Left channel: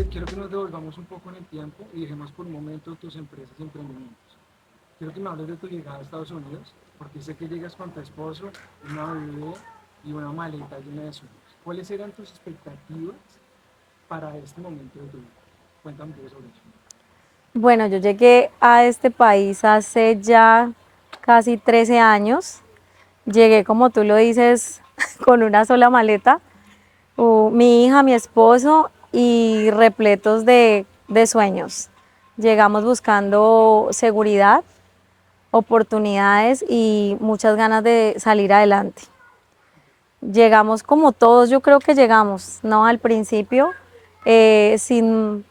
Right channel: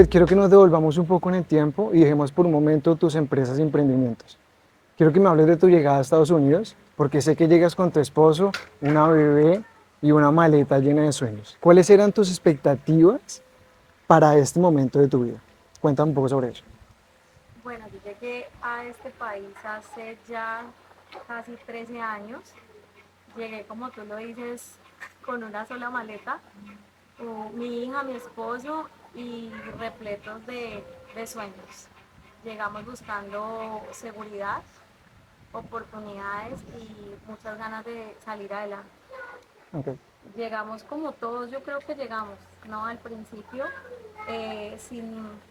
Juliet, quiero que nos devolvamos un poco en el tiempo y dejemos por un momento tus empresas y emprendimientos. Quiero que me hables de tu llegada a Estados Unidos, porque sé que llegas con tu esposo, una bebé y una maleta llena de sueños. ¿Cuáles eran tus expectativas para este momento de tu vida? Cuéntame un poco sobre eso. Bueno, yo llegué a este país hace ya casi 13 años. Llegué, como tú lo dices, con una sola maleta, mi hija, mi esposo y repletos de sueños. Llegamos buscando seguridad, oportunidades y muchas ganas de salir adelante. Ok. Llegamos como todos, yo creo que llegamos, ¿no? Al principio, sin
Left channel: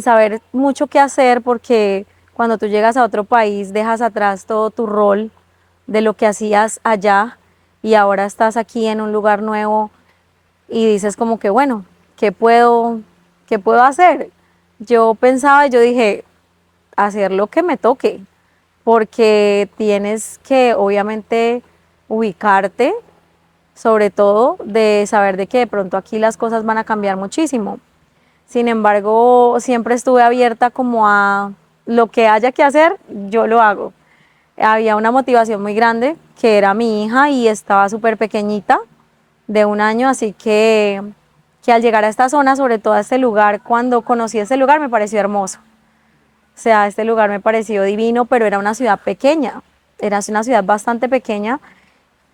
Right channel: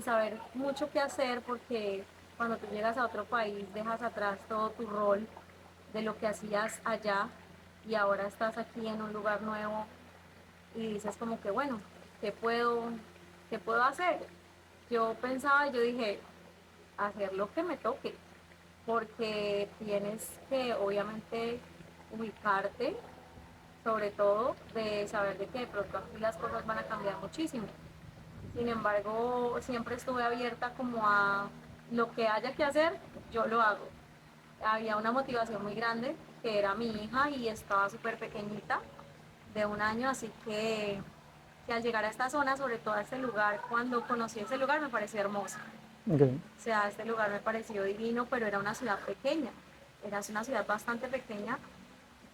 saber mucho qué hacer, porque cuando tú llegas a otro país dejas atrás todo tu rol de lo que hacías allá y ahora estás aquí en un lugar nuevo y dices como que, bueno, ¿qué puedo, qué puedo hacer? Yo pensaba, yo dije, hacer lo que me toque, porque tienes que obviamente ubicarte, sobre todo de saber de que de pronto aquí las cosas van a cambiar muchísimo. Sin embargo, siempre estuve abierta como a lo que haya que hacer, yo lo hago. Había una motivación muy grande, que era mi hija y estaba súper pequeñita, de 1 año, así que al llegar a esta zona, sobre todo a este lugar, cuando conocí este lugar me pareció hermoso. Ok. O sea, este lugar me pareció divino, pero era una ciudad pequeña, era una ciudad bastante pequeña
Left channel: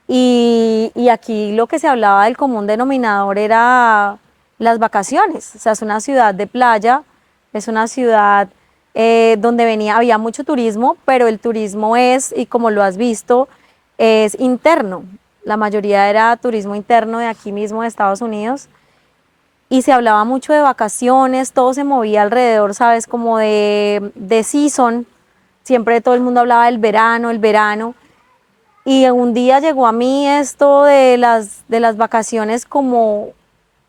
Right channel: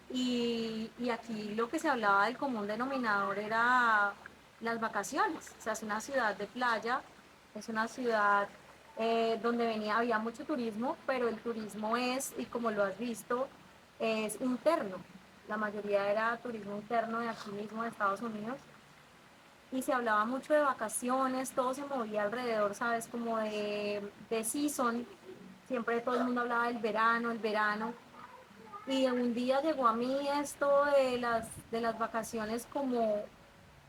y aquí lo que se hablaba del común denominador era las vacaciones. O sea, es una ciudad de playa, es una ciudad donde había mucho turismo, pero el turismo es, y como lo has visto, es interno. La mayoría era turismo interno de aquí mismo de Estados Unidos y se hablaba mucho de vacaciones, todo se movía alrededor, ¿sabes? Como de season, siempre todo el mundo hablaba del verano, el verano. Y un día llegó a mí esto de las vacaciones como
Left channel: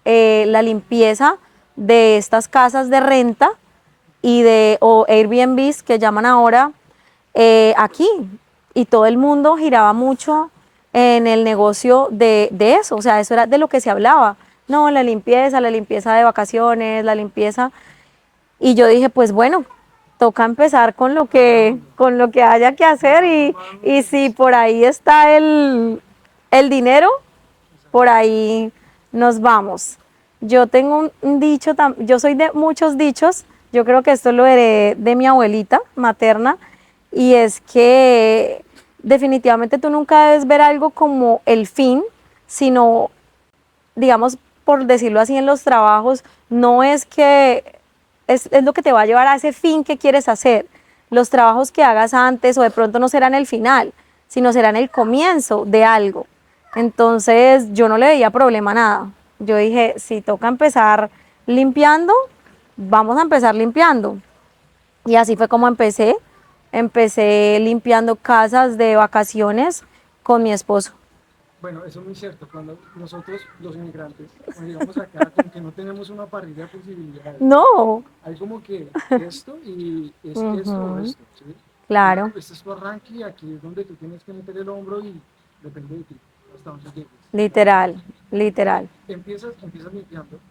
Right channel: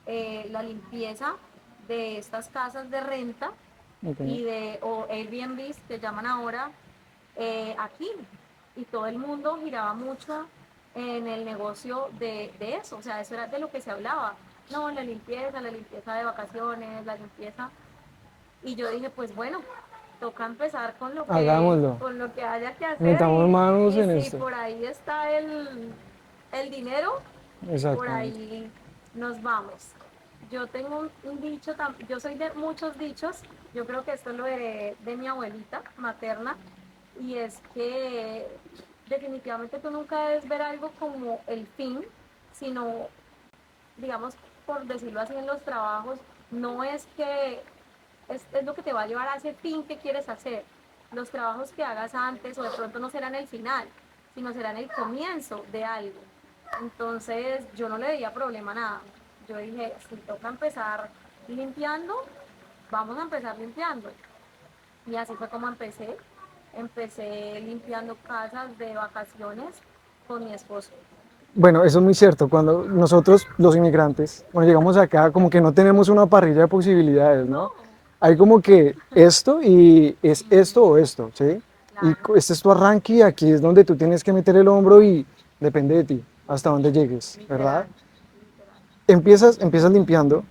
la limpieza de estas casas de renta Ok. o Airbnbs que llaman ahora aquí. Y todo el mundo giraba mucho en el negocio de eso, o sea, eso era de lo que se hablaba. No, la limpieza de vacaciones, la limpieza. Y yo dije, pues bueno, toca empezar Hagámoslo. con lo que haya que hacer Metamos manos y en si esto. por ahí está el dinero, por Exactamente. ahí nos vamos. Yo tengo un dicho, yo soy de muchos dichos, yo creo que esto lo heredé de mi abuelita materna, y es que definitivamente tú nunca debes ver algo como el fin, sino, digamos, por decirlo así, en los trabajos, no es que es lo que te va a llevar a ese fin que quieres hacer. Los trabajos que hagas antes o de pronto no serán el final, sino serán el comienzo de algo. Entonces yo no le veía problema a nada. Yo dije, si toca empezar limpiando, vamos a empezar limpiando. Y así fue como empecé. Empecé limpiando casas de vacaciones con mi esposo. Bueno, eso es muy cierto. Cuando nosotros, los inmigrantes, cuando llegamos acá, como que no tenemos una parrilla de posibilidades, ¿no? No, Hay como que esto y es esto o ujú, esto, ¿sí? Y claro, este es tu arranque y aquí es donde tú tienes que meter el hombro y depende de ti, hasta dónde llegues, ¿verdad? literal, literal. Empiezas limpiando,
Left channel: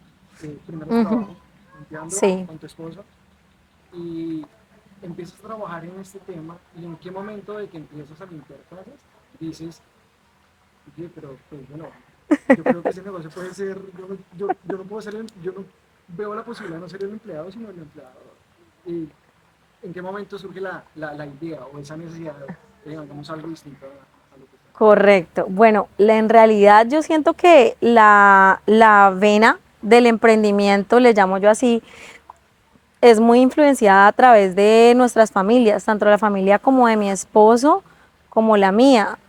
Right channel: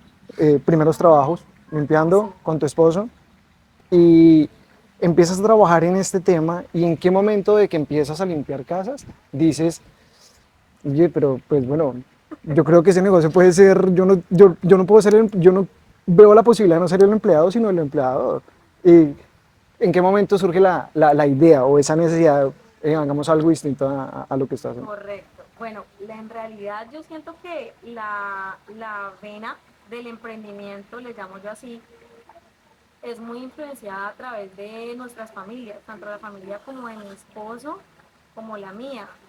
primeros Ujú, trabajos, limpiando sí. con tu esposo y empiezas a trabajar en este tema y en qué momento de que empiezas a limpiar casas dices, oye, pero pues bueno, yo creo que ese negocio puede ser, yo no puedo ser, yo no veo la posibilidad de no ser el empleado, sino el empleador. ¿Y en qué momento surge la idea o esa necesidad de hagamos algo distinto a lo que estás haciendo? Correcto. Bueno, en realidad yo siento que la vena del emprendimiento, le llamo yo así, es muy influenciada a través de nuestras familias, tanto la familia como de mi esposo, como la mía.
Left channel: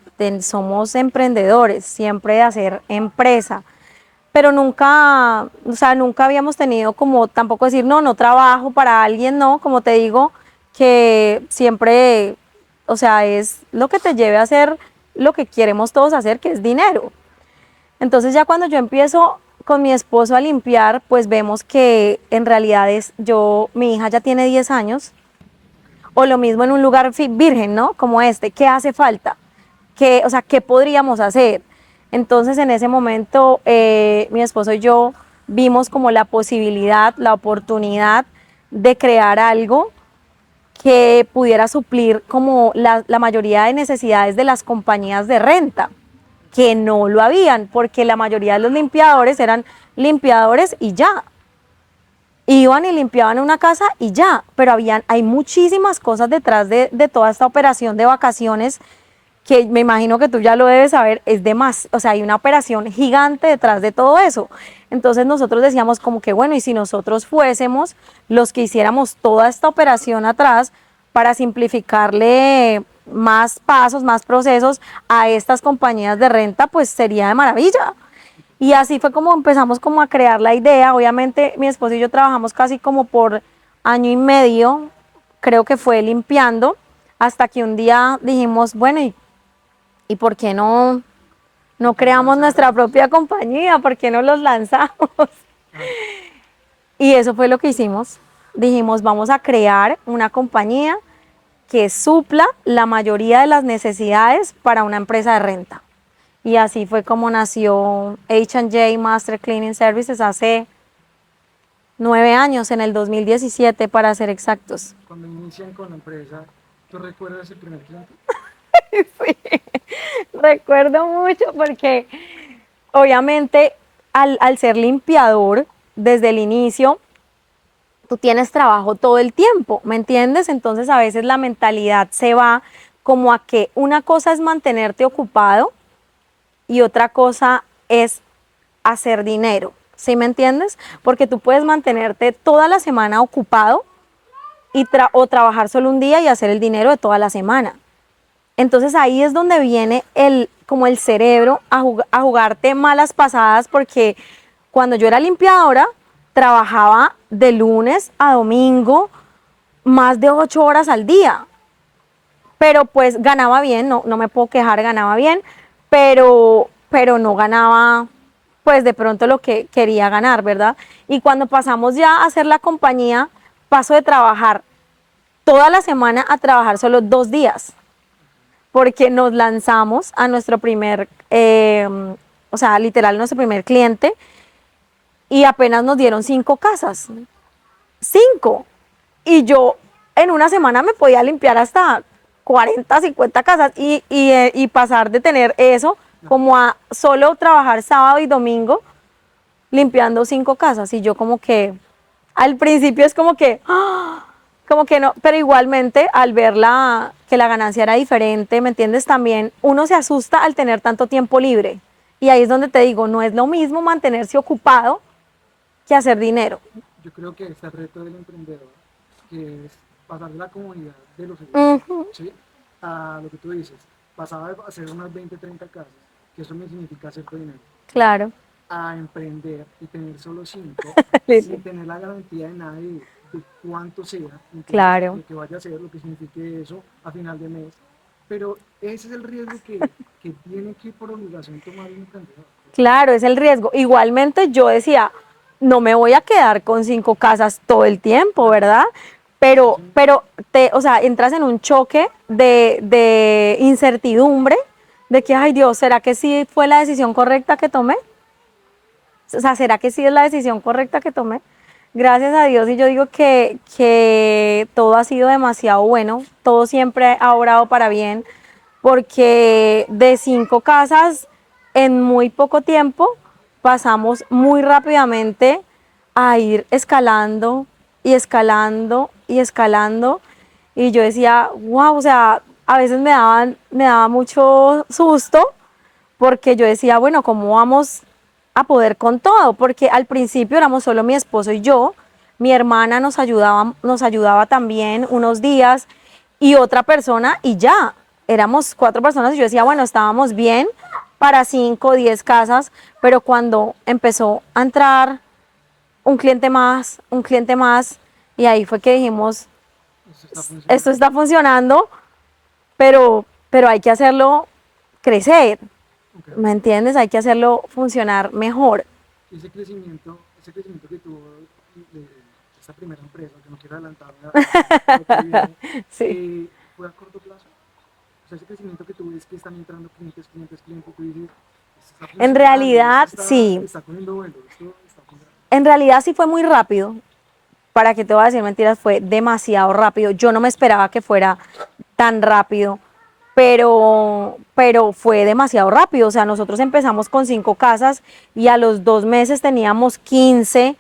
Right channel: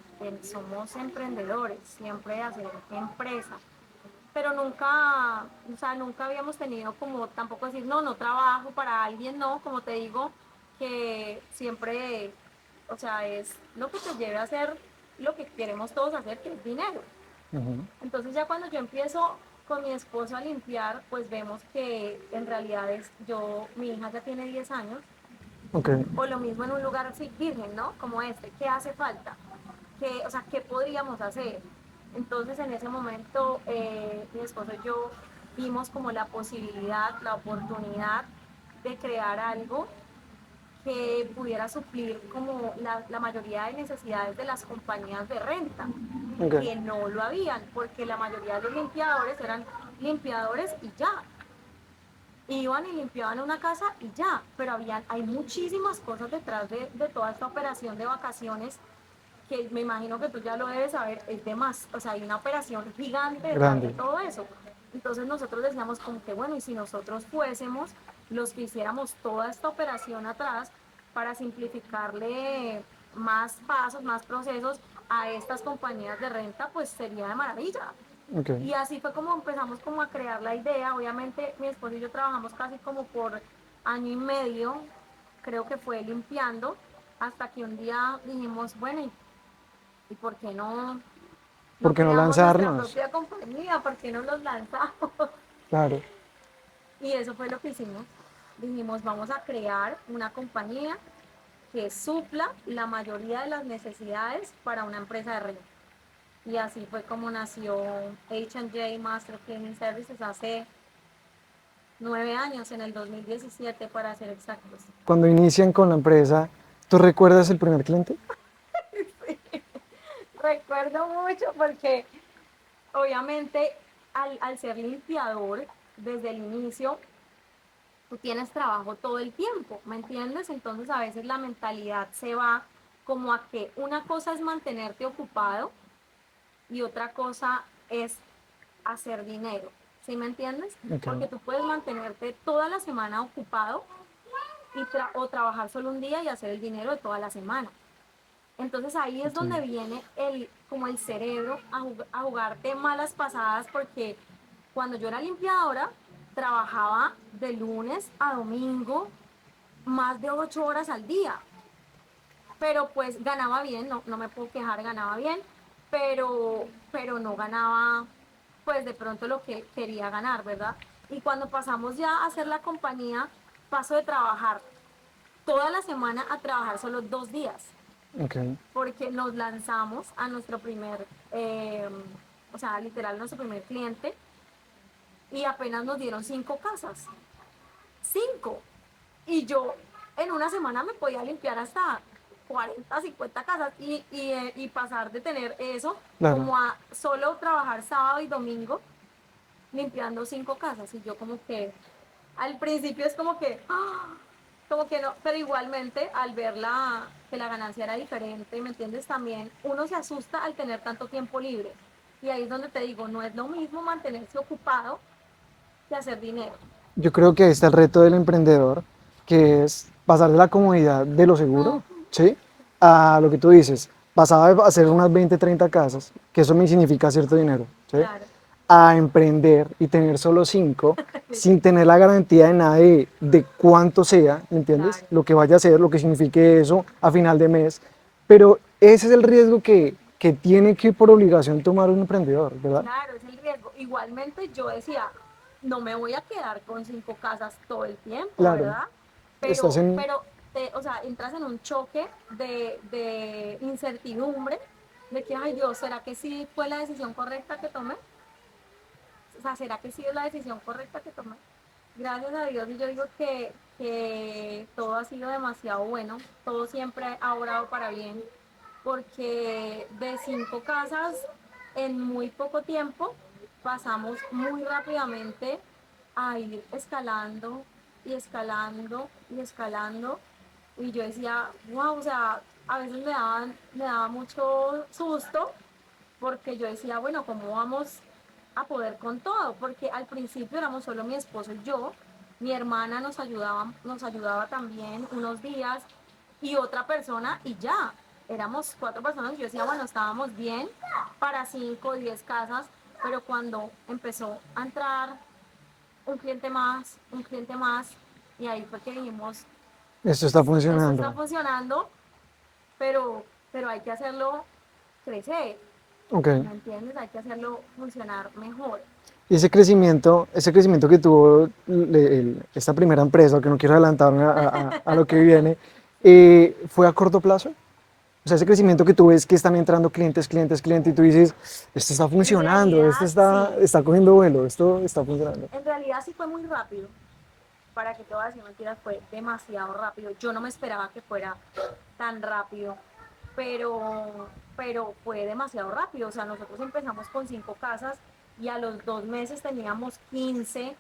Somos emprendedores, siempre de hacer empresa, pero nunca, o sea, nunca habíamos tenido como tampoco decir, no, no trabajo para alguien, no, como te digo, que siempre, o sea, es lo que te lleve a hacer lo que queremos todos hacer, que es dinero. Ujú. Entonces ya cuando yo empiezo con mi esposo a limpiar, pues vemos que en realidad mi hija ya tiene 10 años, Ok. o lo mismo en un lugar virgen, ¿no? Como este, ¿qué hace falta? ¿Qué, o sea, qué podríamos hacer? Entonces en ese momento mi esposo y yo vimos como la posibilidad, la oportunidad de crear algo que pudiera suplir como la mayoría de necesidades de las compañías de renta, Ok. que no lo habían, porque la mayoría de los limpiadores eran limpiadores y ya. Iban y limpiaban una casa y ya, pero hay muchísimas cosas detrás de toda esta operación de vacaciones que me imagino que tú ya lo debes saber, es de más, o sea, hay una operación gigante detrás Grande. de todo eso. Entonces nosotros decíamos como que bueno, y si nosotros fuésemos los que hiciéramos toda esta operación atrás para simplificarle más pasos, más procesos a estas compañías de renta, pues sería de maravilla. Ok. Y así fue como empezamos como a crear la idea. Obviamente mi esposo y yo trabajamos casi como por año y medio, creo que fue limpiando, hasta que un día dijimos, bueno, ¿y por qué no ¿Por qué no creamos nuestra lanzarnos? propia compañía? ¿Por qué no los lanzamos? Claro. Y eso fue lo que hicimos. Dijimos, vamos a crear una compañía que supla la mayoría de las necesidades para una empresa de renta. Y así fue como nació H&J Master Cleaning Services hace 9 años, en el 2017 para ser exactos. Cuando inician con la empresa, ¿tú recuerdas el primer cliente? Recuerdo mucho porque obviamente al ser limpiador desde el inicio, tú tienes trabajo todo el tiempo, ¿me entiendes? Entonces a veces la mentalidad se va como a que una cosa es mantenerte ocupado y otra cosa es hacer dinero, ¿sí me entiendes? Ok. Porque tú puedes mantenerte toda la semana ocupado o trabajar solo un día y hacer el dinero de toda la semana. Entonces ahí es donde viene como el cerebro a jugarte malas pasadas, porque cuando yo era limpiadora, trabajaba de lunes a domingo más de 8 horas al día, pero pues ganaba bien, no me puedo quejar, ganaba bien, pero no ganaba pues de pronto lo que quería ganar, ¿verdad? Y cuando pasamos ya a hacer la compañía, paso de trabajar toda la semana a trabajar solo 2 días, Ok. porque nos lanzamos a nuestro primer, o sea, literal nuestro primer cliente, y apenas nos dieron 5 casas, 5. Y yo en una semana me podía limpiar hasta 40, 50 casas y pasar de tener eso Claro. como a solo trabajar sábado y domingo limpiando 5 casas. Y yo como que al principio es como que, ¡ah! Como que no, pero igualmente al ver que la ganancia era diferente, ¿me entiendes? También uno se asusta al tener tanto tiempo libre. Y ahí es donde te digo, no es lo mismo mantenerse ocupado que hacer dinero. Yo creo que ahí está el reto del emprendedor, que es pasar de la comodidad de lo seguro, Ujú, ¿sí? A lo que tú dices, pasaba de hacer unas 20, 30 casas, que eso me significa cierto dinero, ¿sí? claro, A emprender y tener solo 5, sin tener la garantía de nada de cuánto sea, ¿entiendes? claro. Lo que vaya a ser, lo que signifique eso a final de mes. Pero ese es el riesgo que tiene que por obligación tomar un emprendedor, ¿verdad? Claro, es el riesgo. Igualmente yo decía, no me voy a quedar con 5 casas todo el tiempo, Claro, ¿verdad? estás Pero, en... pero o sea, entras en un choque de incertidumbre, de que, ay Dios, ¿será que sí fue la decisión correcta que tomé? O sea, ¿será que sí es la decisión correcta que tomé? Gracias a Dios, y yo digo que todo ha sido demasiado bueno, todo siempre ha obrado para bien, porque de 5 casas en muy poco tiempo pasamos muy rápidamente a ir escalando y escalando y escalando. Y yo decía, wow, o sea, a veces me daba mucho susto porque yo decía, bueno, ¿cómo vamos a poder con todo? Porque al principio éramos solo mi esposo y yo, mi hermana nos ayudaba también unos días y otra persona y ya, éramos 4 personas y yo decía, bueno, estábamos bien para 5, 10 casas, pero cuando empezó a entrar un cliente más, y ahí fue que dijimos, Esto está esto está funcionando. funcionando, pero hay que hacerlo crecer. Ok. ¿Me entiendes? Hay que hacerlo funcionar mejor. Y ese crecimiento que tuvo esta primera empresa, que no quiero adelantarme a lo que viene, Sí. ¿fue a corto plazo? O sea, ese crecimiento que tú ves que están entrando clientes, clientes, clientes, y tú dices, esto está En funcionando, esto realidad, sí. está cogiendo vuelo, esto está funcionando. En realidad sí fue muy rápido. Para que te voy a decir mentiras, fue demasiado rápido. Yo no me esperaba que fuera tan rápido, pero fue demasiado rápido. O sea, nosotros empezamos con 5 casas y a los 2 meses teníamos 15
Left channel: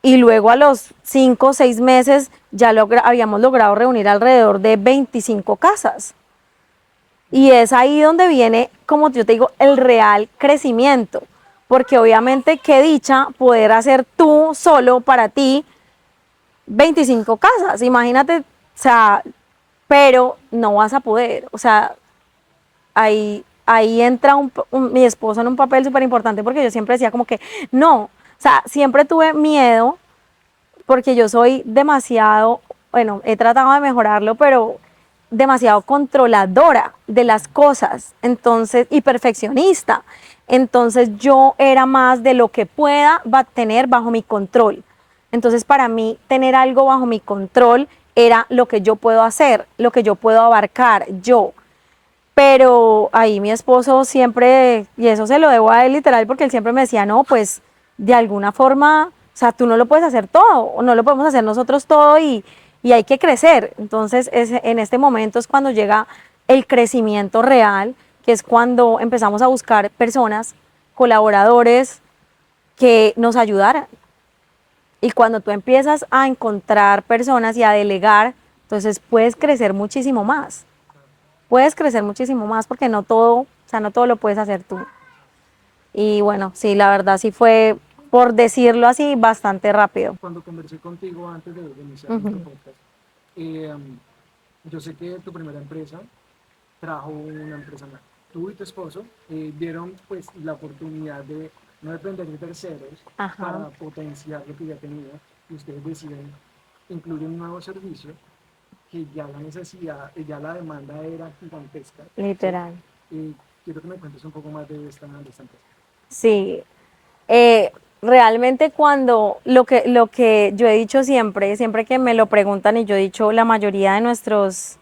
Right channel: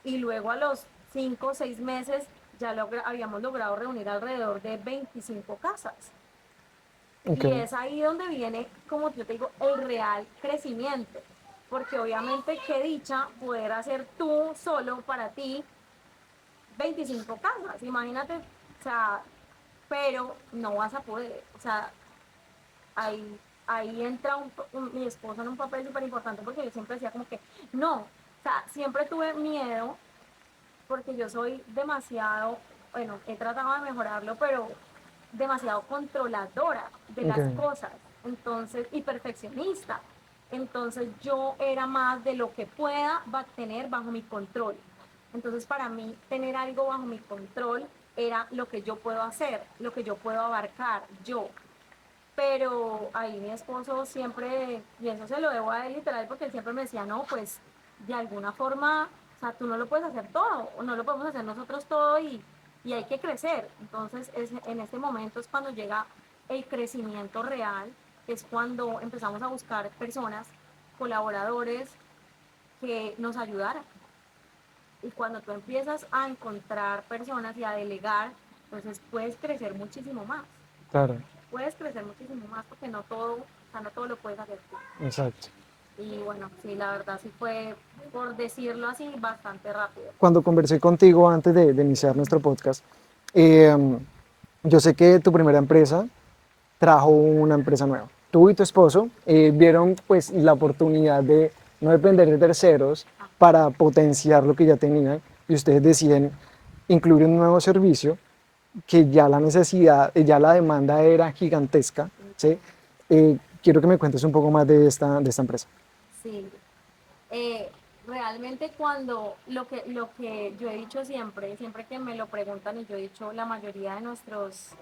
y luego a los 5 o 6 meses ya habíamos logrado reunir alrededor de 25 casas. Ok, Y es ahí donde viene, como yo te digo, el real crecimiento. Porque obviamente qué dicha poder hacer tú solo para ti 25 casas, imagínate, o sea, pero no vas a poder, o sea, ahí entra mi esposo en un papel súper importante porque yo siempre decía como que no, o sea, siempre tuve miedo porque yo soy demasiado, bueno, he tratado de mejorarlo, pero demasiado controladora de ok, las cosas, entonces, y perfeccionista. Entonces yo era más de lo que pueda tener bajo mi control. Entonces para mí tener algo bajo mi control era lo que yo puedo hacer, lo que yo puedo abarcar yo. Pero ahí mi esposo siempre, y eso se lo debo a él literal, porque él siempre me decía, no, pues de alguna forma, o sea, tú no lo puedes hacer todo, o no lo podemos hacer nosotros todo y hay que crecer. Entonces, en este momento es cuando llega el crecimiento real, que es cuando empezamos a buscar personas, colaboradores que nos ayudaran. Y cuando tú empiezas a encontrar personas y a delegar, entonces puedes crecer muchísimo más. claro, Puedes crecer muchísimo más porque no todo, o sea, no todo lo puedes hacer tú. exacto. Y bueno, sí, la verdad sí fue, por decirlo así, bastante rápido. Cuando conversé contigo antes de iniciar nuestro Ujú. podcast, yo sé que tu primera empresa trajo una empresa nueva. Tú y tu esposo vieron pues la oportunidad de no depender de terceros Ajá, para potenciar lo que ya tenían y ustedes deciden incluir un nuevo servicio que ya la necesidad, ya la demanda era gigantesca, ¿sí? literal. Quiero que me cuentes un poco más de esta empresa. Sí, eh, realmente cuando lo que yo he dicho siempre, siempre que me lo preguntan y yo he dicho, la mayoría de nuestras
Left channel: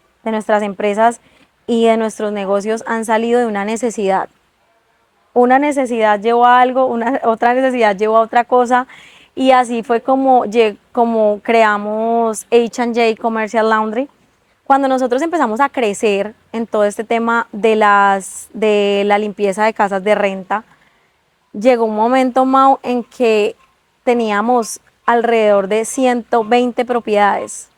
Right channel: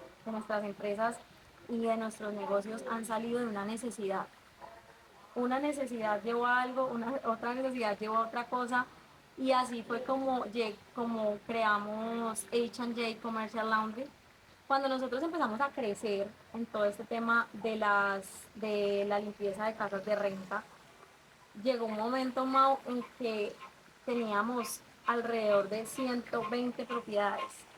empresas y de nuestros negocios han salido de una necesidad. Una necesidad llevó a algo, otra necesidad llevó a otra cosa y así fue como, como creamos H&J Commercial Laundry. Cuando nosotros empezamos a crecer en todo este tema de la limpieza de casas de renta, llegó un momento, Mau, en que teníamos alrededor de 120 propiedades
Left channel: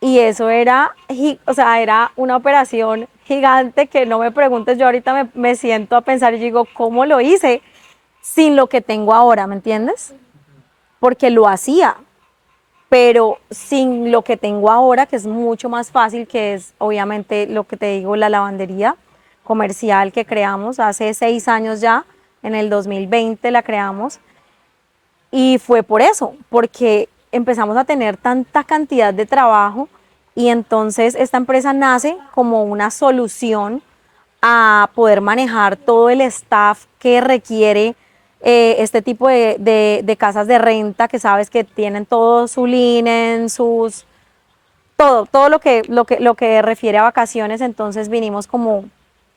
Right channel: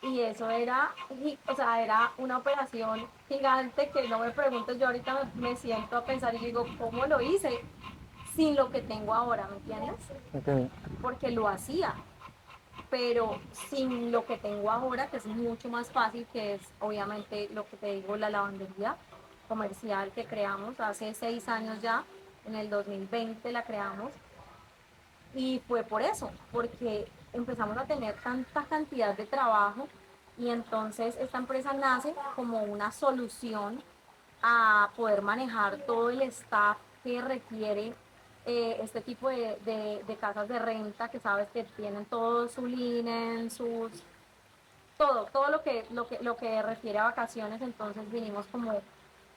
y eso era, o sea, era una operación gigante que no me preguntes, yo ahorita me siento a pensar y digo, ¿cómo lo hice sin lo que tengo ahora? ¿Me entiendes? Okay. Porque lo hacía, pero sin lo que tengo ahora, que es mucho más fácil, que es obviamente lo que te digo, la lavandería comercial que creamos hace 6 años ya, en el 2020 la creamos, y fue por eso, porque empezamos a tener tanta cantidad de trabajo y entonces esta empresa nace como una solución a poder manejar todo el staff que requiere este tipo de casas de renta que sabes que tienen todo su linen, todo lo que refiere a vacaciones. Entonces vinimos como,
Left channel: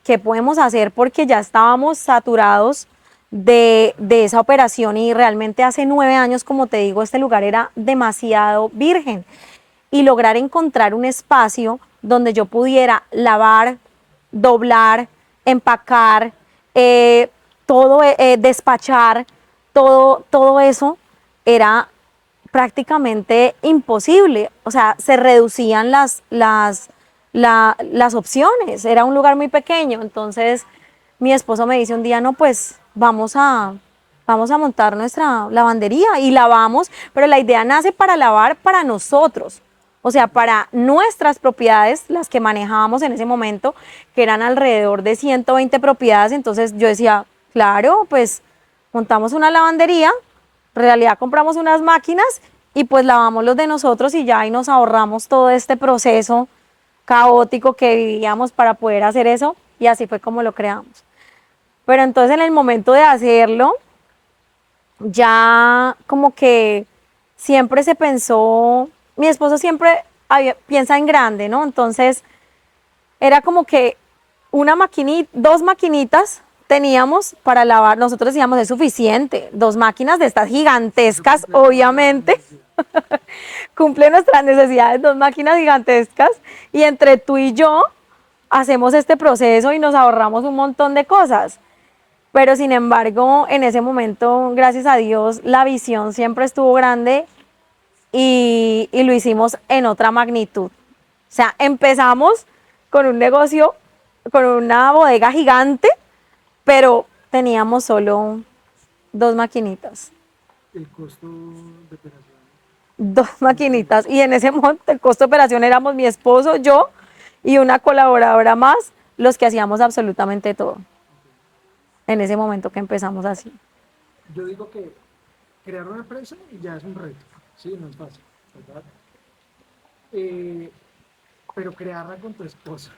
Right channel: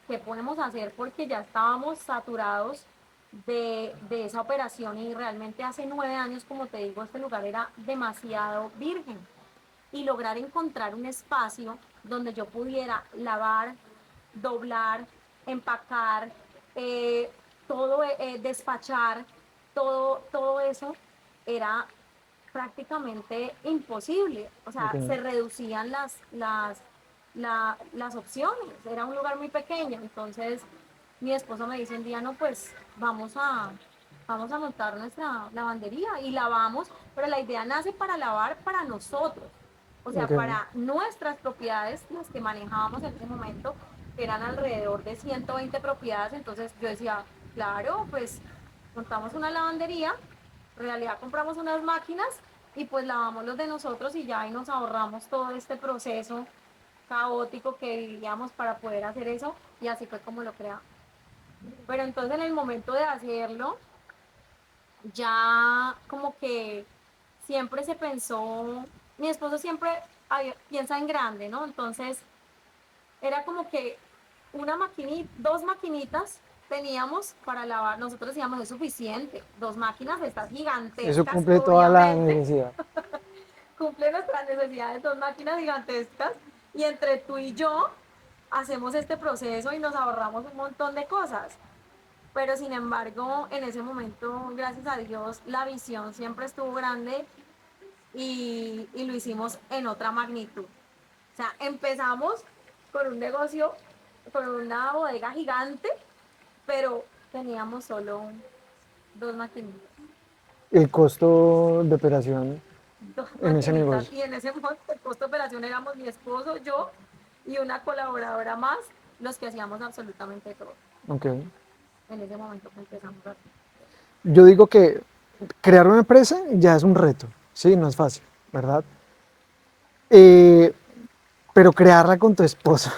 ¿qué podemos hacer? Porque ya estábamos saturados de esa operación y realmente hace 9 años, como te digo, este lugar era demasiado virgen y lograr encontrar un espacio donde yo pudiera lavar, doblar, empacar, eh, todo, despachar, todo eso era prácticamente imposible. O sea, Okay. se reducían las opciones. Era un lugar muy pequeño. Entonces, mi esposo me dice un día, no, pues vamos a montar nuestra lavandería y lavamos, pero la idea nace para lavar para nosotros. O sea, Okay. para nuestras propiedades, las que manejábamos en ese momento, que eran alrededor de 120 propiedades. Entonces yo decía, claro, pues montamos una lavandería, en realidad compramos unas máquinas y pues lavamos los de nosotros y ya ahí nos ahorramos todo este proceso caótico que vivíamos para poder hacer eso y así fue como lo creamos. Pero entonces en el momento de hacerlo, ya como que siempre se pensó, mi esposo siempre piensa en grande, ¿no? Entonces era como que una maquinita, dos maquinitas teníamos para lavar, nosotros decíamos es suficiente, dos máquinas de estas Eso gigantescas, cumple toda la obviamente, necesidad. cumple nuestras necesidades, dos máquinas gigantescas, y entre tú y yo hacemos este proceso y nos ahorramos un montón de cosas. Pero sin embargo, en ese momento, gracias a Dios, la visión siempre estuvo grande y lo hicimos en otra magnitud. O sea, empezamos con un negocio, con una bodega gigante, pero teníamos solo dos maquinitas. El costo de operación Dos en ese maquinitas. negocio. Y en ese momento el costo de operación éramos mi esposo, yo y una colaboradora más, los que hacíamos absolutamente todo. Ok. En ese momento que empezamos así. Yo digo que crear una empresa ya es un reto, sí, no es fácil, ¿verdad? Eh, pero crearla con tu esposo,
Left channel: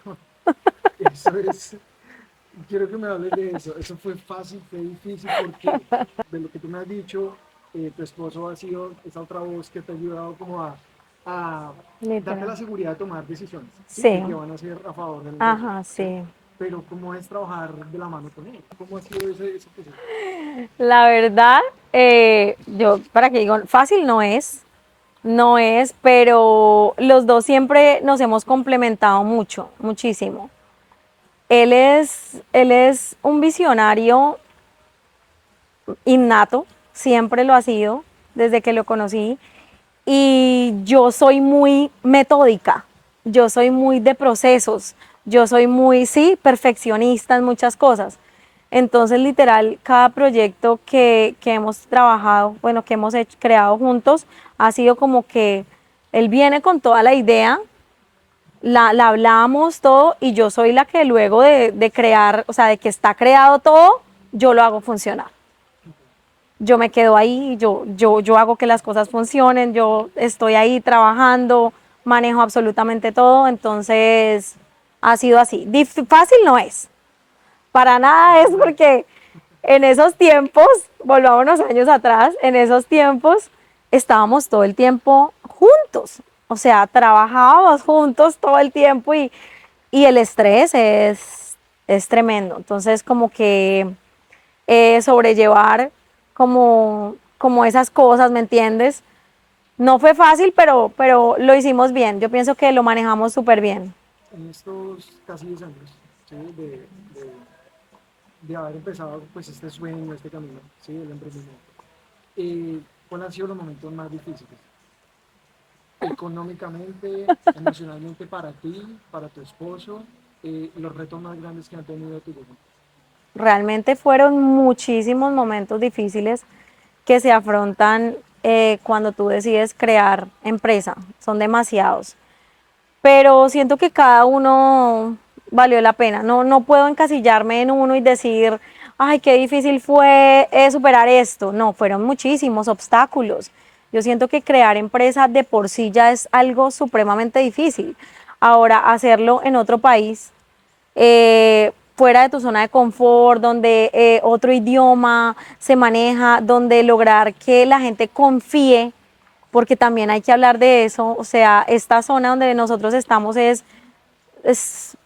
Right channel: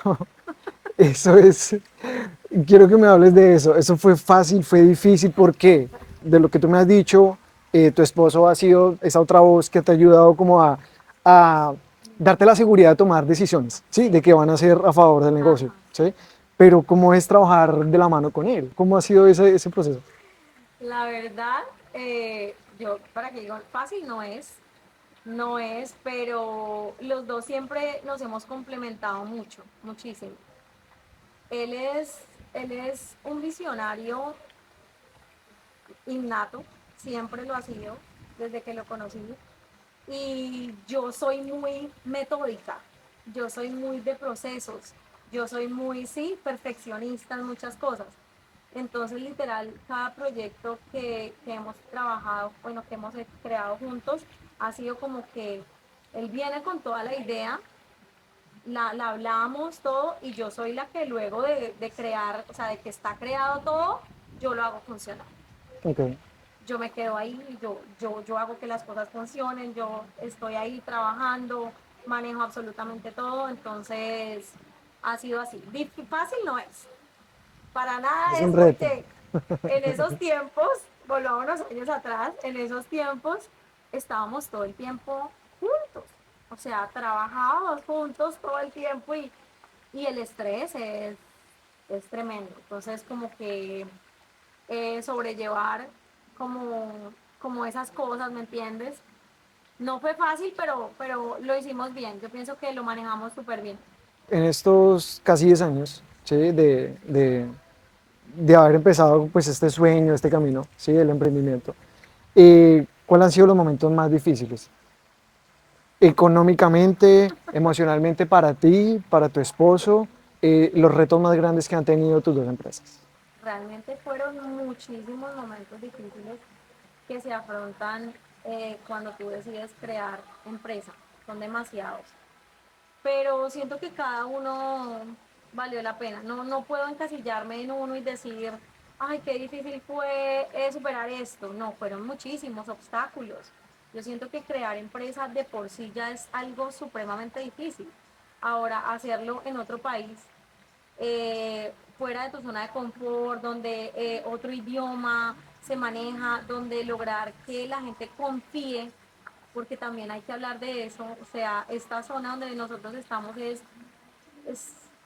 eso es, quiero que me hables de eso. ¿Eso fue fácil, fue difícil? ¿Por qué? De lo que tú me has dicho, tu esposo ha sido esa otra voz que te ha ayudado como a darte la Literal. seguridad de tomar decisiones, ¿sí? De Sí, que van a ser a favor del negocio, ajá, ¿sí? sí. Pero ¿cómo es trabajar de la mano con él? ¿Cómo ha sido ese proceso? La verdad, yo, para que digo, fácil no es, no es, pero los dos siempre nos hemos complementado mucho, muchísimo. Él es un visionario innato, siempre lo ha sido, desde que lo conocí, y yo soy muy metódica, yo soy muy de procesos, yo soy muy, sí, perfeccionista en muchas cosas. Entonces, literal, cada proyecto que hemos trabajado, bueno, que hemos creado juntos, ha sido como que él viene con toda la idea, la hablamos todo y yo soy la que luego de crear, o sea, de que está creado todo, yo lo hago funcionar. Ok. Yo me quedo ahí, yo hago que las cosas funcionen, yo estoy ahí trabajando, manejo absolutamente todo, entonces ha sido así. Fácil no es, para Es nada es un reto. porque en esos tiempos, volvamos unos años atrás, en esos tiempos estábamos todo el tiempo juntos, o sea, trabajábamos juntos todo el tiempo y el estrés es tremendo. Entonces, como que sobrellevar como esas cosas, ¿me entiendes? No fue fácil, pero lo hicimos bien. Yo pienso que lo manejamos súper bien. En estos casi 10 años, ¿sí? De haber empezado pues este sueño, este camino, ¿sí? Del emprendimiento, ¿cuáles han sido los momentos más difíciles? Económicamente, emocionalmente para ti, para tu esposo, los retos más grandes que han tenido tus dos empresas. Realmente fueron muchísimos momentos difíciles que se afrontan cuando tú decides crear empresa. Son demasiados. Pero siento que cada uno valió la pena. No, no puedo encasillarme en uno y decir, ay, qué difícil fue superar esto. No, fueron muchísimos obstáculos. Yo siento que crear empresa de por sí ya es algo supremamente difícil. Ahora, hacerlo en otro país, fuera de tu zona de confort, donde otro idioma se maneja, donde lograr que la gente confíe, porque también hay que hablar de eso. O sea, esta zona donde nosotros estamos es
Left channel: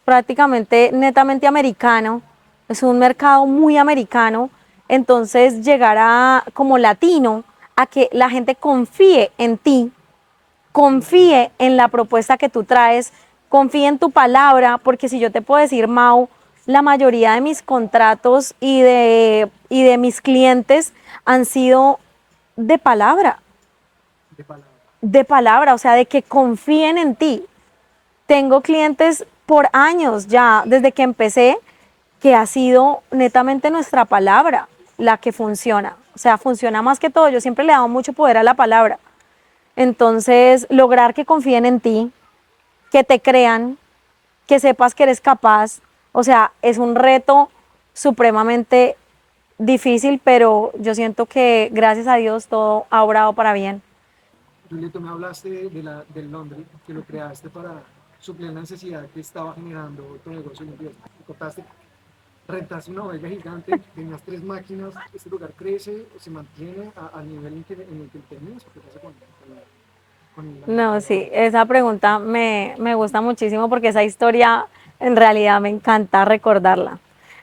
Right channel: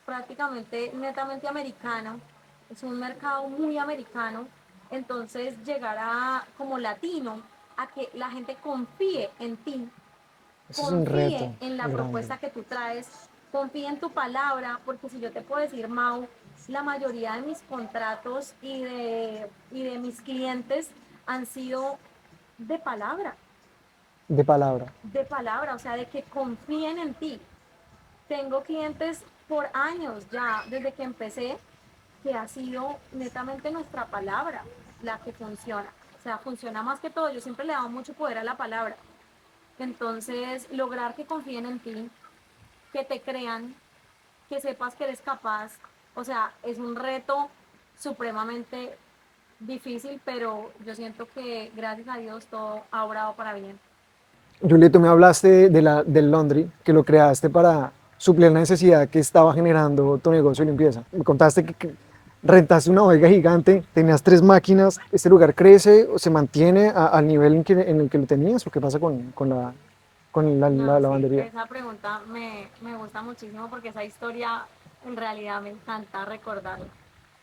prácticamente netamente americano, es un mercado muy americano, entonces llegar a como latino a que la gente confíe en ti, Ese es un confíe reto en la grande. propuesta que tú traes, confíe en tu palabra, porque si yo te puedo decir, Mau, la mayoría de mis contratos y de mis clientes han sido de De palabra. palabra, o sea, de que confíen en ti. Tengo clientes por años ya, desde que empecé, que ha sido netamente nuestra palabra la que funciona. O sea, funciona más que todo. Yo siempre le he dado mucho poder a la palabra. Entonces, lograr que confíen en ti, que te crean, que sepas que eres capaz, o sea, es un reto supremamente difícil, pero yo siento que gracias a Dios todo ha obrado para bien. Juliet, tú me hablaste del laundry, que lo creaste para suplir la necesidad que estaba generando tu negocio de limpieza. Me contaste que rentaste una bodega gigante, tenías 3 máquinas. ¿Este lugar crece o se mantiene al nivel en el que lo tenías? ¿O qué pasa con la No, sí, lavandería? esa pregunta me gusta muchísimo porque esa historia En realidad me encanta recordarla.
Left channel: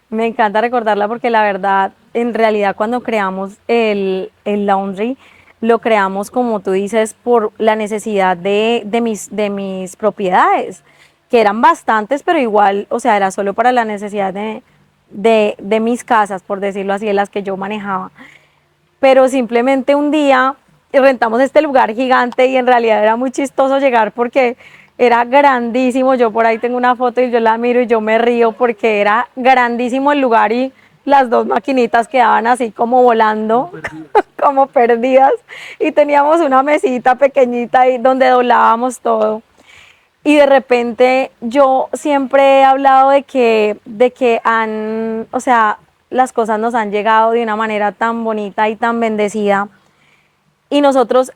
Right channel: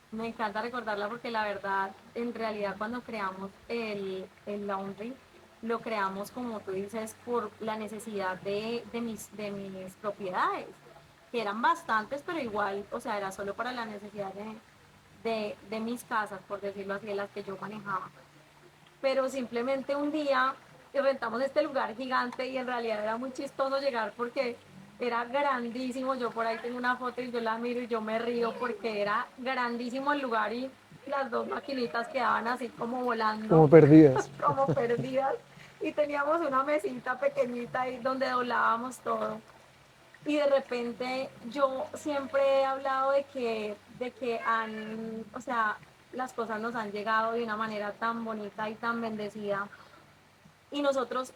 Me encanta recordarla porque la verdad, en realidad cuando creamos el laundry, lo creamos, como tú dices, por la necesidad de mis propiedades, que eran bastantes, pero igual, o sea, era solo para la necesidad de mis casas, por decirlo así, de las que yo manejaba. Pero simplemente un día rentamos este lugar gigante y en realidad era muy chistoso llegar porque era grandísimo. Yo por ahí tengo una foto y yo la miro y yo me río porque era grandísimo el lugar y las dos maquinitas quedaban así como como volando, perdidas. como perdidas. Y teníamos una mesita pequeñita ahí donde doblábamos todo. Y de repente yo siempre he hablado de que o sea, las cosas nos han llegado de una manera tan bonita y tan bendecida. Y nosotros,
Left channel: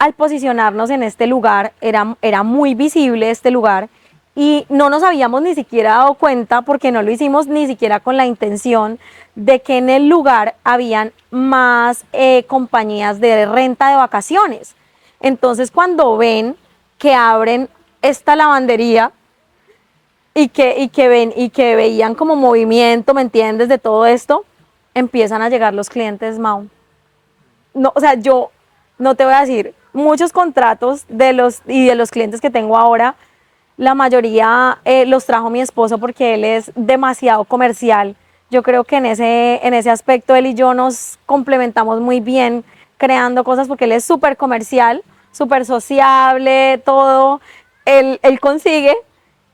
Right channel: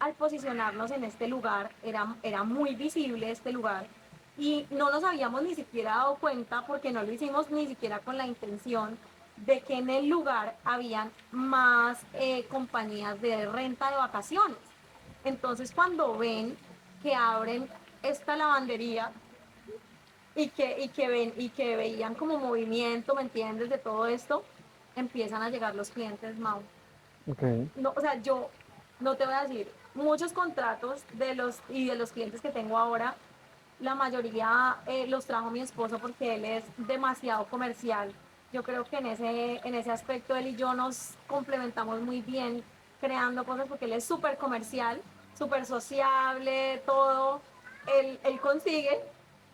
al posicionarnos en este lugar, era muy visible este lugar y no nos habíamos ni siquiera dado cuenta, porque no lo hicimos ni siquiera con la intención de que en el lugar habían más compañías de renta de vacaciones. Entonces, cuando ven que abren esta lavandería y que veían como movimiento, ¿me entiendes? De todo esto, empiezan a llegar los clientes, Mau. Okay. No, o sea, yo no te voy a decir, muchos contratos de los clientes que tengo ahora, la mayoría los trajo mi esposo porque él es demasiado comercial. Yo creo que en ese aspecto él y yo nos complementamos muy bien creando cosas porque él es súper comercial, súper sociable, todo. Él consigue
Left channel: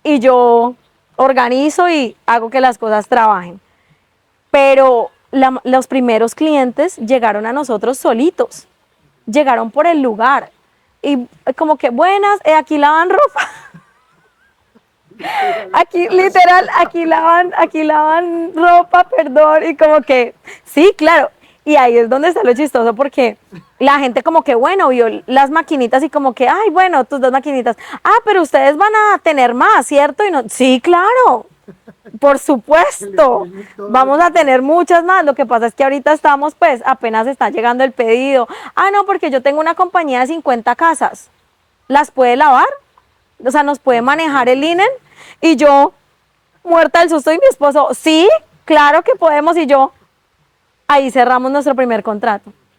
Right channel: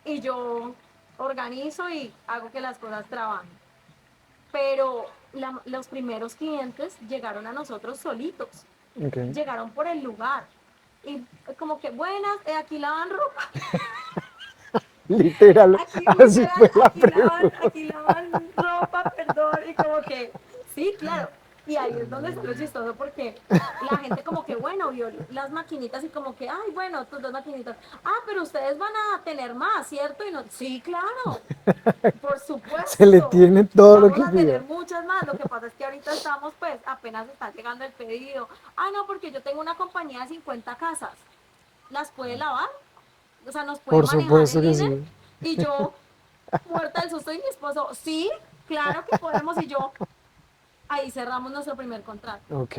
y yo organizo y hago que las cosas trabajen. Pero los primeros clientes llegaron a nosotros solitos, Okay. llegaron por el lugar y como que buenas, aquí lavan ropa. Literal, Aquí, así literal, fue la pregunta. aquí lavan ropa, perdón, y como que, sí, claro, y ahí es donde está lo chistoso, porque la gente como que, bueno, vio las maquinitas y como que, ay, bueno, tus dos maquinitas, pero ustedes van a tener más, ¿cierto? Y no, sí, claro, por Se le supuesto, tiene todo lo vamos que a tener pida. muchas más. Lo que pasa es que ahorita estamos, pues, apenas está llegando el pedido. No, porque yo tengo una compañía de 50 casas. ¿Las puede lavar? O sea, ¿nos puede Por manejar el supuesto que linen? sí. Y yo, muerta del susto, y mi esposo, sí, claro que podemos. Y yo, ahí cerramos nuestro primer contrato, Ok.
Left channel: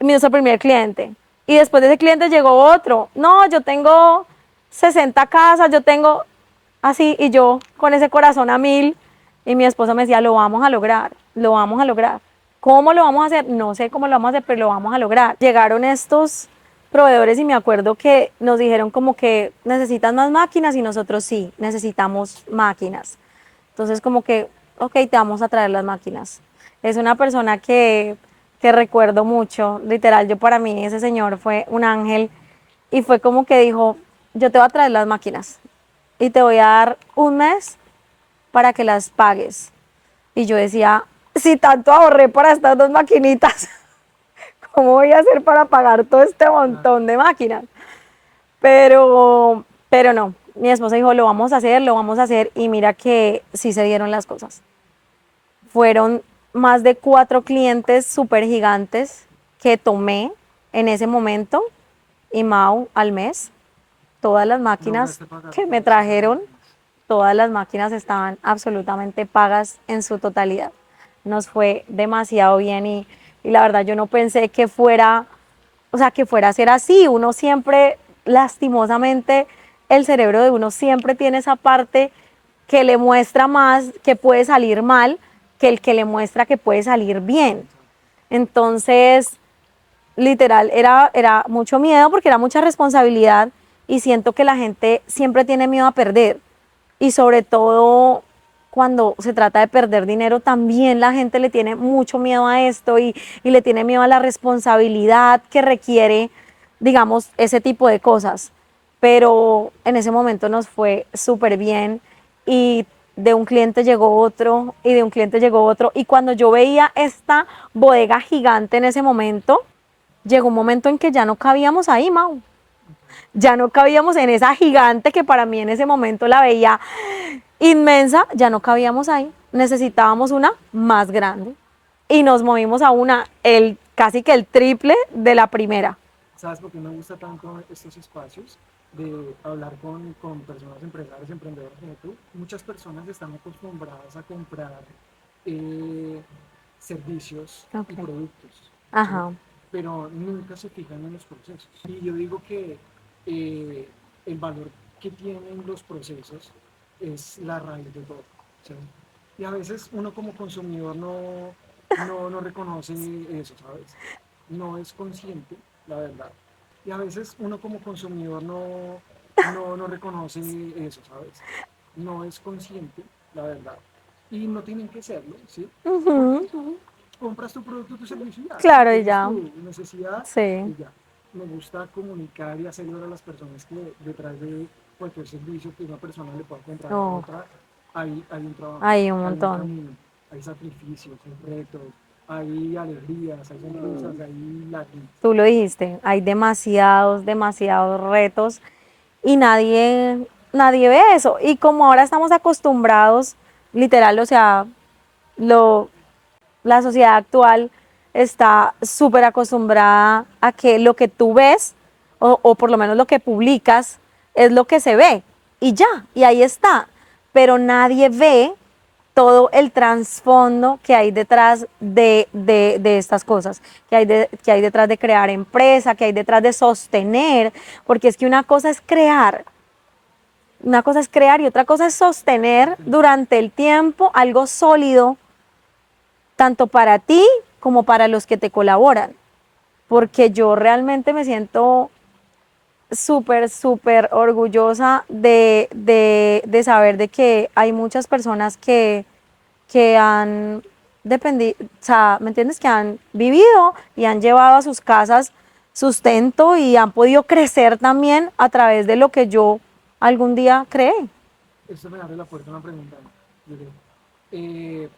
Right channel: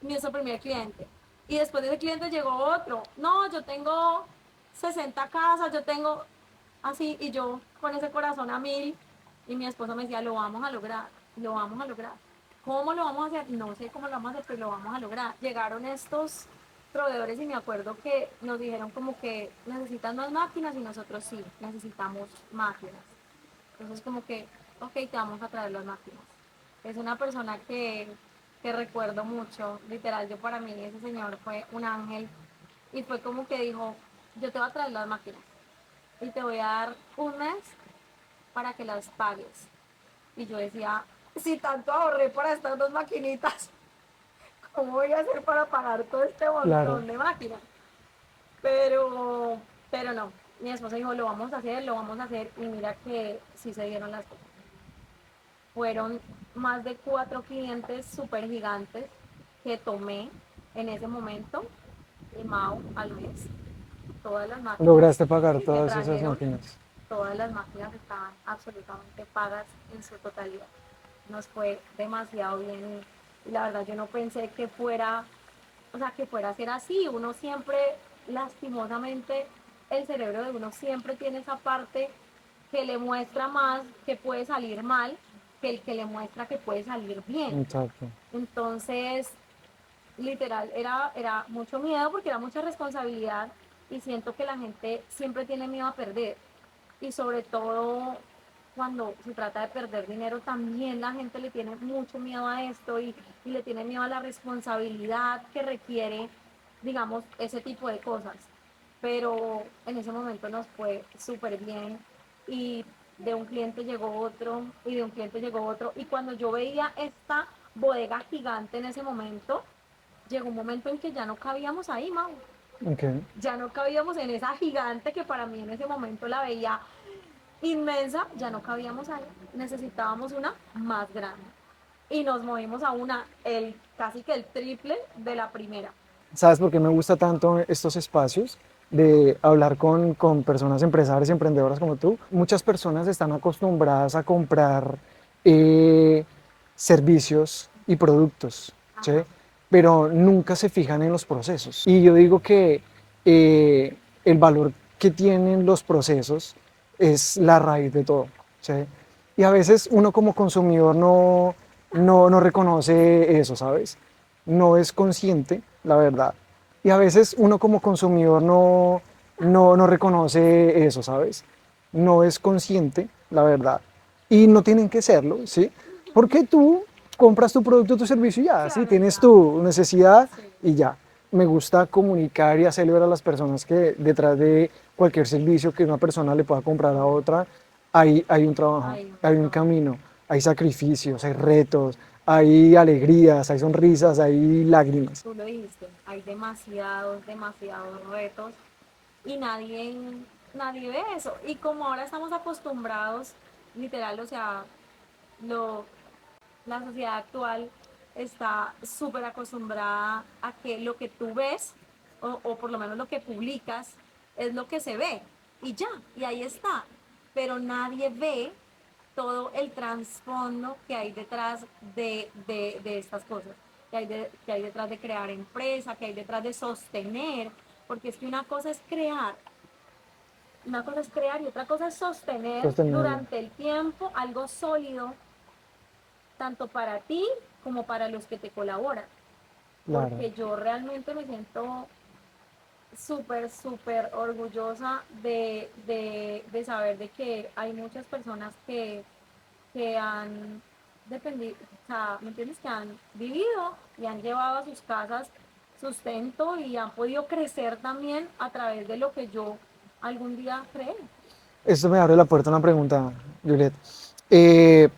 nuestro primer cliente. Y después de ese cliente llegó otro. No, yo tengo 60 casas, yo tengo así, y yo con ese corazón a mil. Y mi esposo me decía, lo vamos a lograr, lo vamos a lograr. ¿Cómo lo vamos a hacer? No sé cómo lo vamos a hacer, pero lo vamos a lograr. Llegaron estos proveedores y me acuerdo que nos dijeron como que necesitan más máquinas y nosotros sí, necesitamos máquinas. Entonces como que, ok, te vamos a traer las máquinas. Es una persona que recuerdo mucho, literal, yo para mí ese señor fue un ángel y fue como que dijo, yo te voy a traer las máquinas y te voy a dar un mes para que las pagues. Y yo decía, si tanto ahorré para estas dos maquinitas, ¿cómo voy a hacer para pagar todo este Claro. montón de máquinas? Pero no, mi esposa dijo, lo vamos a hacer, lo vamos a hacer, y mira que sí se dieron las cosas. Fueron más de 4 clientes súper gigantes que tomé en ese momento, y Mau, al mes, todas las máquinas Lograste pagar que me todas esas trajeron, máquinas. todas las máquinas estaban absolutamente pagas en su totalidad. Nos fue demasiado bien y la verdad yo no pensé que fuera, o sea, que fuera a ser así. Uno siempre, lastimosamente, el cerebro de uno siempre tiene esa parte que le muestra más que puede salir mal que el que le muestra que puede salir bien. Exacto. Entonces, literal, era mucho miedo porque era mucha responsabilidad y siento que la gente siempre tiene miedo a perder. Y sobre todo cuando se trata de perder dinero, también la gente le tiene mucho miedo a esto y le tiene miedo a la responsabilidad que requiere, digamos, ese tipo de cosas. Pero en ese momento nos fue súper bien y de un cliente llegó otro y de un cliente llegó otro. Y cuando yo veía esta bodega gigante en ese momento, llegó un momento en que ya no cabíamos ahí, Mau. Ok. Ya no cabíamos en esa gigante que para mí en ese momento la veía inmensa, ya no cabíamos ahí. Necesitábamos una más grande. Y nos movimos a una, casi que el triple de la primera. ¿Sabes por qué me gusta tanto estos espacios? de hablar con personas empresarias y emprendedoras como tú, muchas personas están acostumbradas a comprar eh, servicios y Ok. productos, ¿sí? Ajá. Pero nunca se fijan en los procesos. Y yo digo que eh, el valor que tienen los procesos es la raíz de todo, ¿sí? Y a veces uno como consumidor no reconoce eso, ¿sabes? No es consciente, la verdad. Y a veces uno como consumidor no reconoce eso, ¿sabes? No es consciente, la verdad. Y no tienen que serlo, ¿sí? Porque Ujú. tú compras tu producto, tu servicio y ya, ¿sí? Claro, y Tienes ya. tu necesidad Sí. y ya. Me gusta comunicar y hacerle ver a las personas que detrás de cualquier servicio que una persona le pueda comprar a No, otra, hay un trabajo, hay un hay un montón. camino, hay sacrificios, hay retos, hay alegrías, hay sonrisas, hay lágrimas. Tú lo dijiste, hay demasiados, demasiados retos y nadie ve eso. Y como ahora estamos acostumbrados, literal, o sea, lo, la sociedad actual está súper acostumbrada a que lo que tú ves, o por lo menos lo que publicas, es lo que se ve y ya, y ahí está. Pero nadie ve todo el trasfondo que hay detrás de estas cosas, que hay detrás de crear empresa, que hay detrás de sostener, porque es que una cosa es crear y otra cosa es sostener Sostenible. durante el tiempo algo sólido, tanto para ti como para los que te colaboran, Claro. porque yo realmente me siento súper, súper orgullosa de saber de que hay muchas personas que han dependido, o sea, ¿me entiendes? Que han vivido y han llevado a sus casas sustento y han podido crecer también a través de lo que yo algún día creé. Esto me abre la puerta a una pregunta, Juliet. Eh,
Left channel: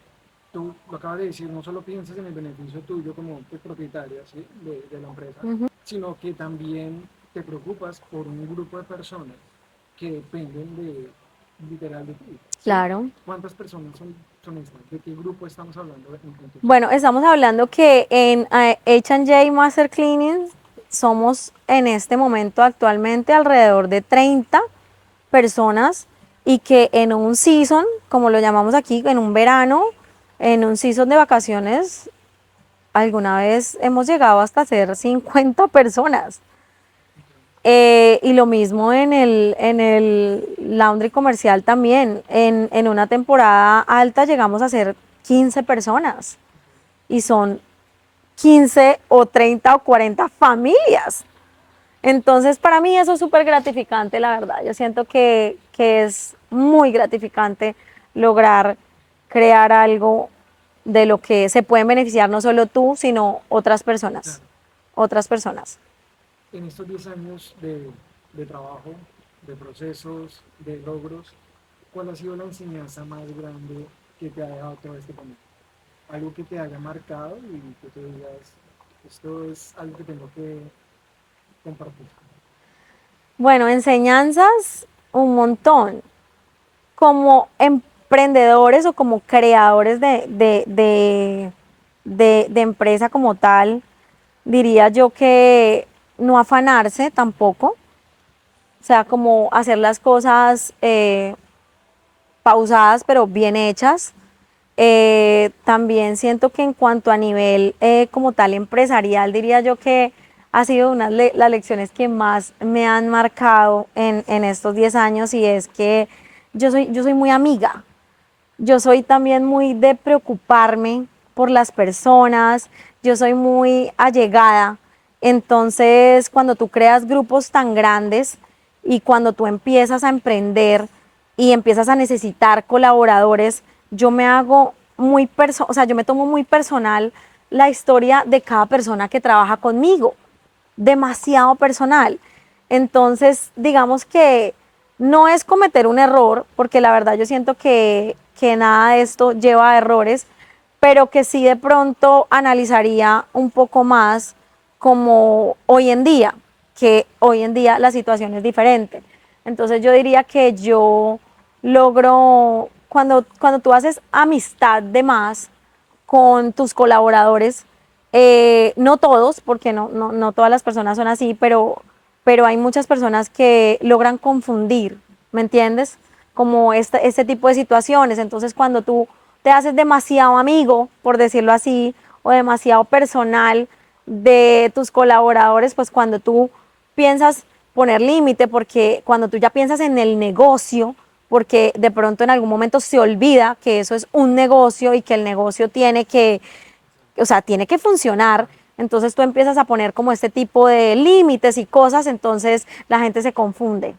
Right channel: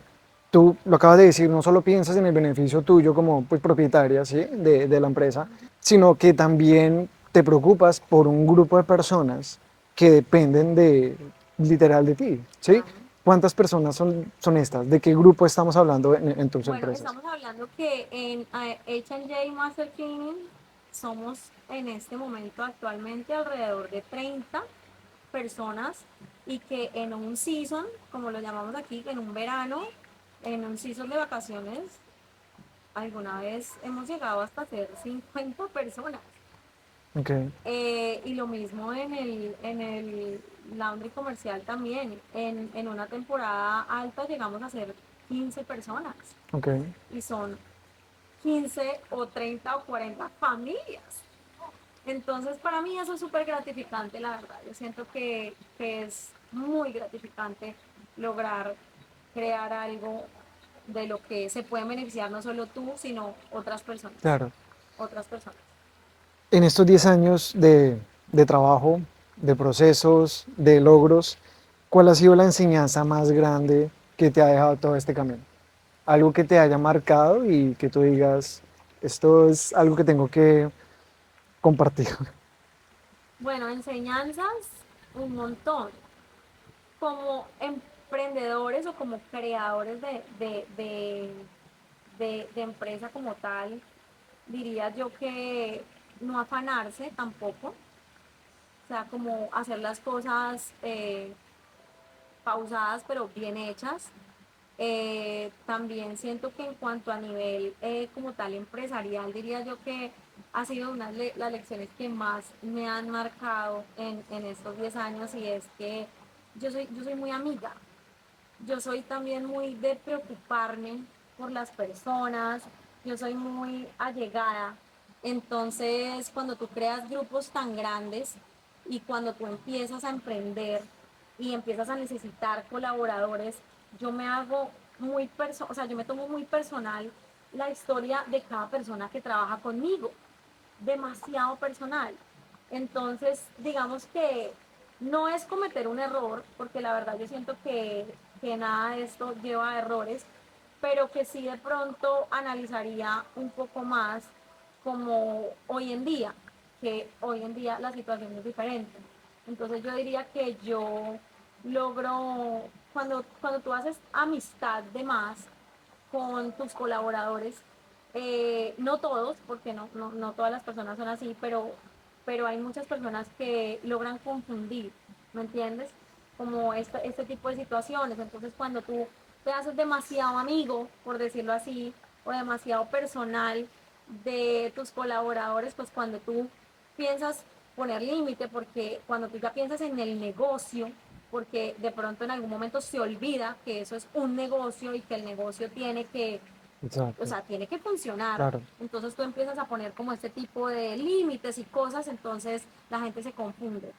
Tú lo acabas de decir, no solo piensas en el beneficio tuyo como pues, propietaria, ¿sí? de la empresa, sino que también te preocupas por un grupo de personas que dependen literal de ti, ¿sí? Claro. ¿Cuántas personas son estas? ¿De qué grupo estamos hablando en tus Bueno, empresas? estamos hablando que en H&J Master Cleaning somos en este momento actualmente alrededor de 30 personas y que en un season, como lo llamamos aquí, en un verano, en un season de vacaciones, alguna vez hemos llegado hasta ser 50 personas. Okay, Y lo mismo en el laundry comercial también. En una temporada alta llegamos a ser 15 personas okay. y son 15 o 30 o 40 familias. Entonces, para mí eso es súper gratificante, la verdad. Yo siento que es muy gratificante lograr crear algo de lo que se pueden beneficiar no solo tú, sino otras personas. Claro. Otras personas. En estos 10 años de trabajo, de procesos, de logros, ¿cuál ha sido la enseñanza más grande que te ha dejado todo este camino? Algo que te haya marcado y que tú digas, esto es algo que tengo que compartir. Bueno, enseñanzas un montón. Como emprendedores o como creadores de empresa como tal, diría yo que no afanarse tampoco, o sea, como hacer las cosas pausadas pero bien hechas. También siento que en cuanto a nivel como tal empresarial, diría yo que ha sido una de las lecciones que más me han marcado en estos 10 años y es que yo soy muy amiga, yo soy también muy de preocuparme por las personas, yo soy muy allegada. Entonces, cuando tú creas grupos tan grandes y cuando tú empiezas a emprender y empiezas a necesitar colaboradores, yo me hago muy o sea, yo me tomo muy personal la historia de cada persona que trabaja conmigo, demasiado personal. Entonces, digamos que no es cometer un error, porque la verdad yo siento que nada de esto lleva a errores, pero que sí de pronto analizaría un poco más como hoy en día, que hoy en día la situación es diferente. Entonces yo diría que yo logro, cuando tú haces amistad de más con tus colaboradores, no todos, porque no todas las personas son así, pero hay muchas personas que logran confundir, ¿me entiendes? Como este tipo de situaciones. Entonces, cuando tú te haces demasiado amigo, por decirlo así, o demasiado personal de tus colaboradores, pues cuando tú piensas poner límite, porque cuando tú ya piensas en el negocio, porque de pronto en algún momento se olvida que eso es un negocio y que el negocio tiene que, o Exacto, sea, tiene que funcionar. claro. Entonces tú empiezas a poner como este tipo de límites y cosas, entonces la gente se confunde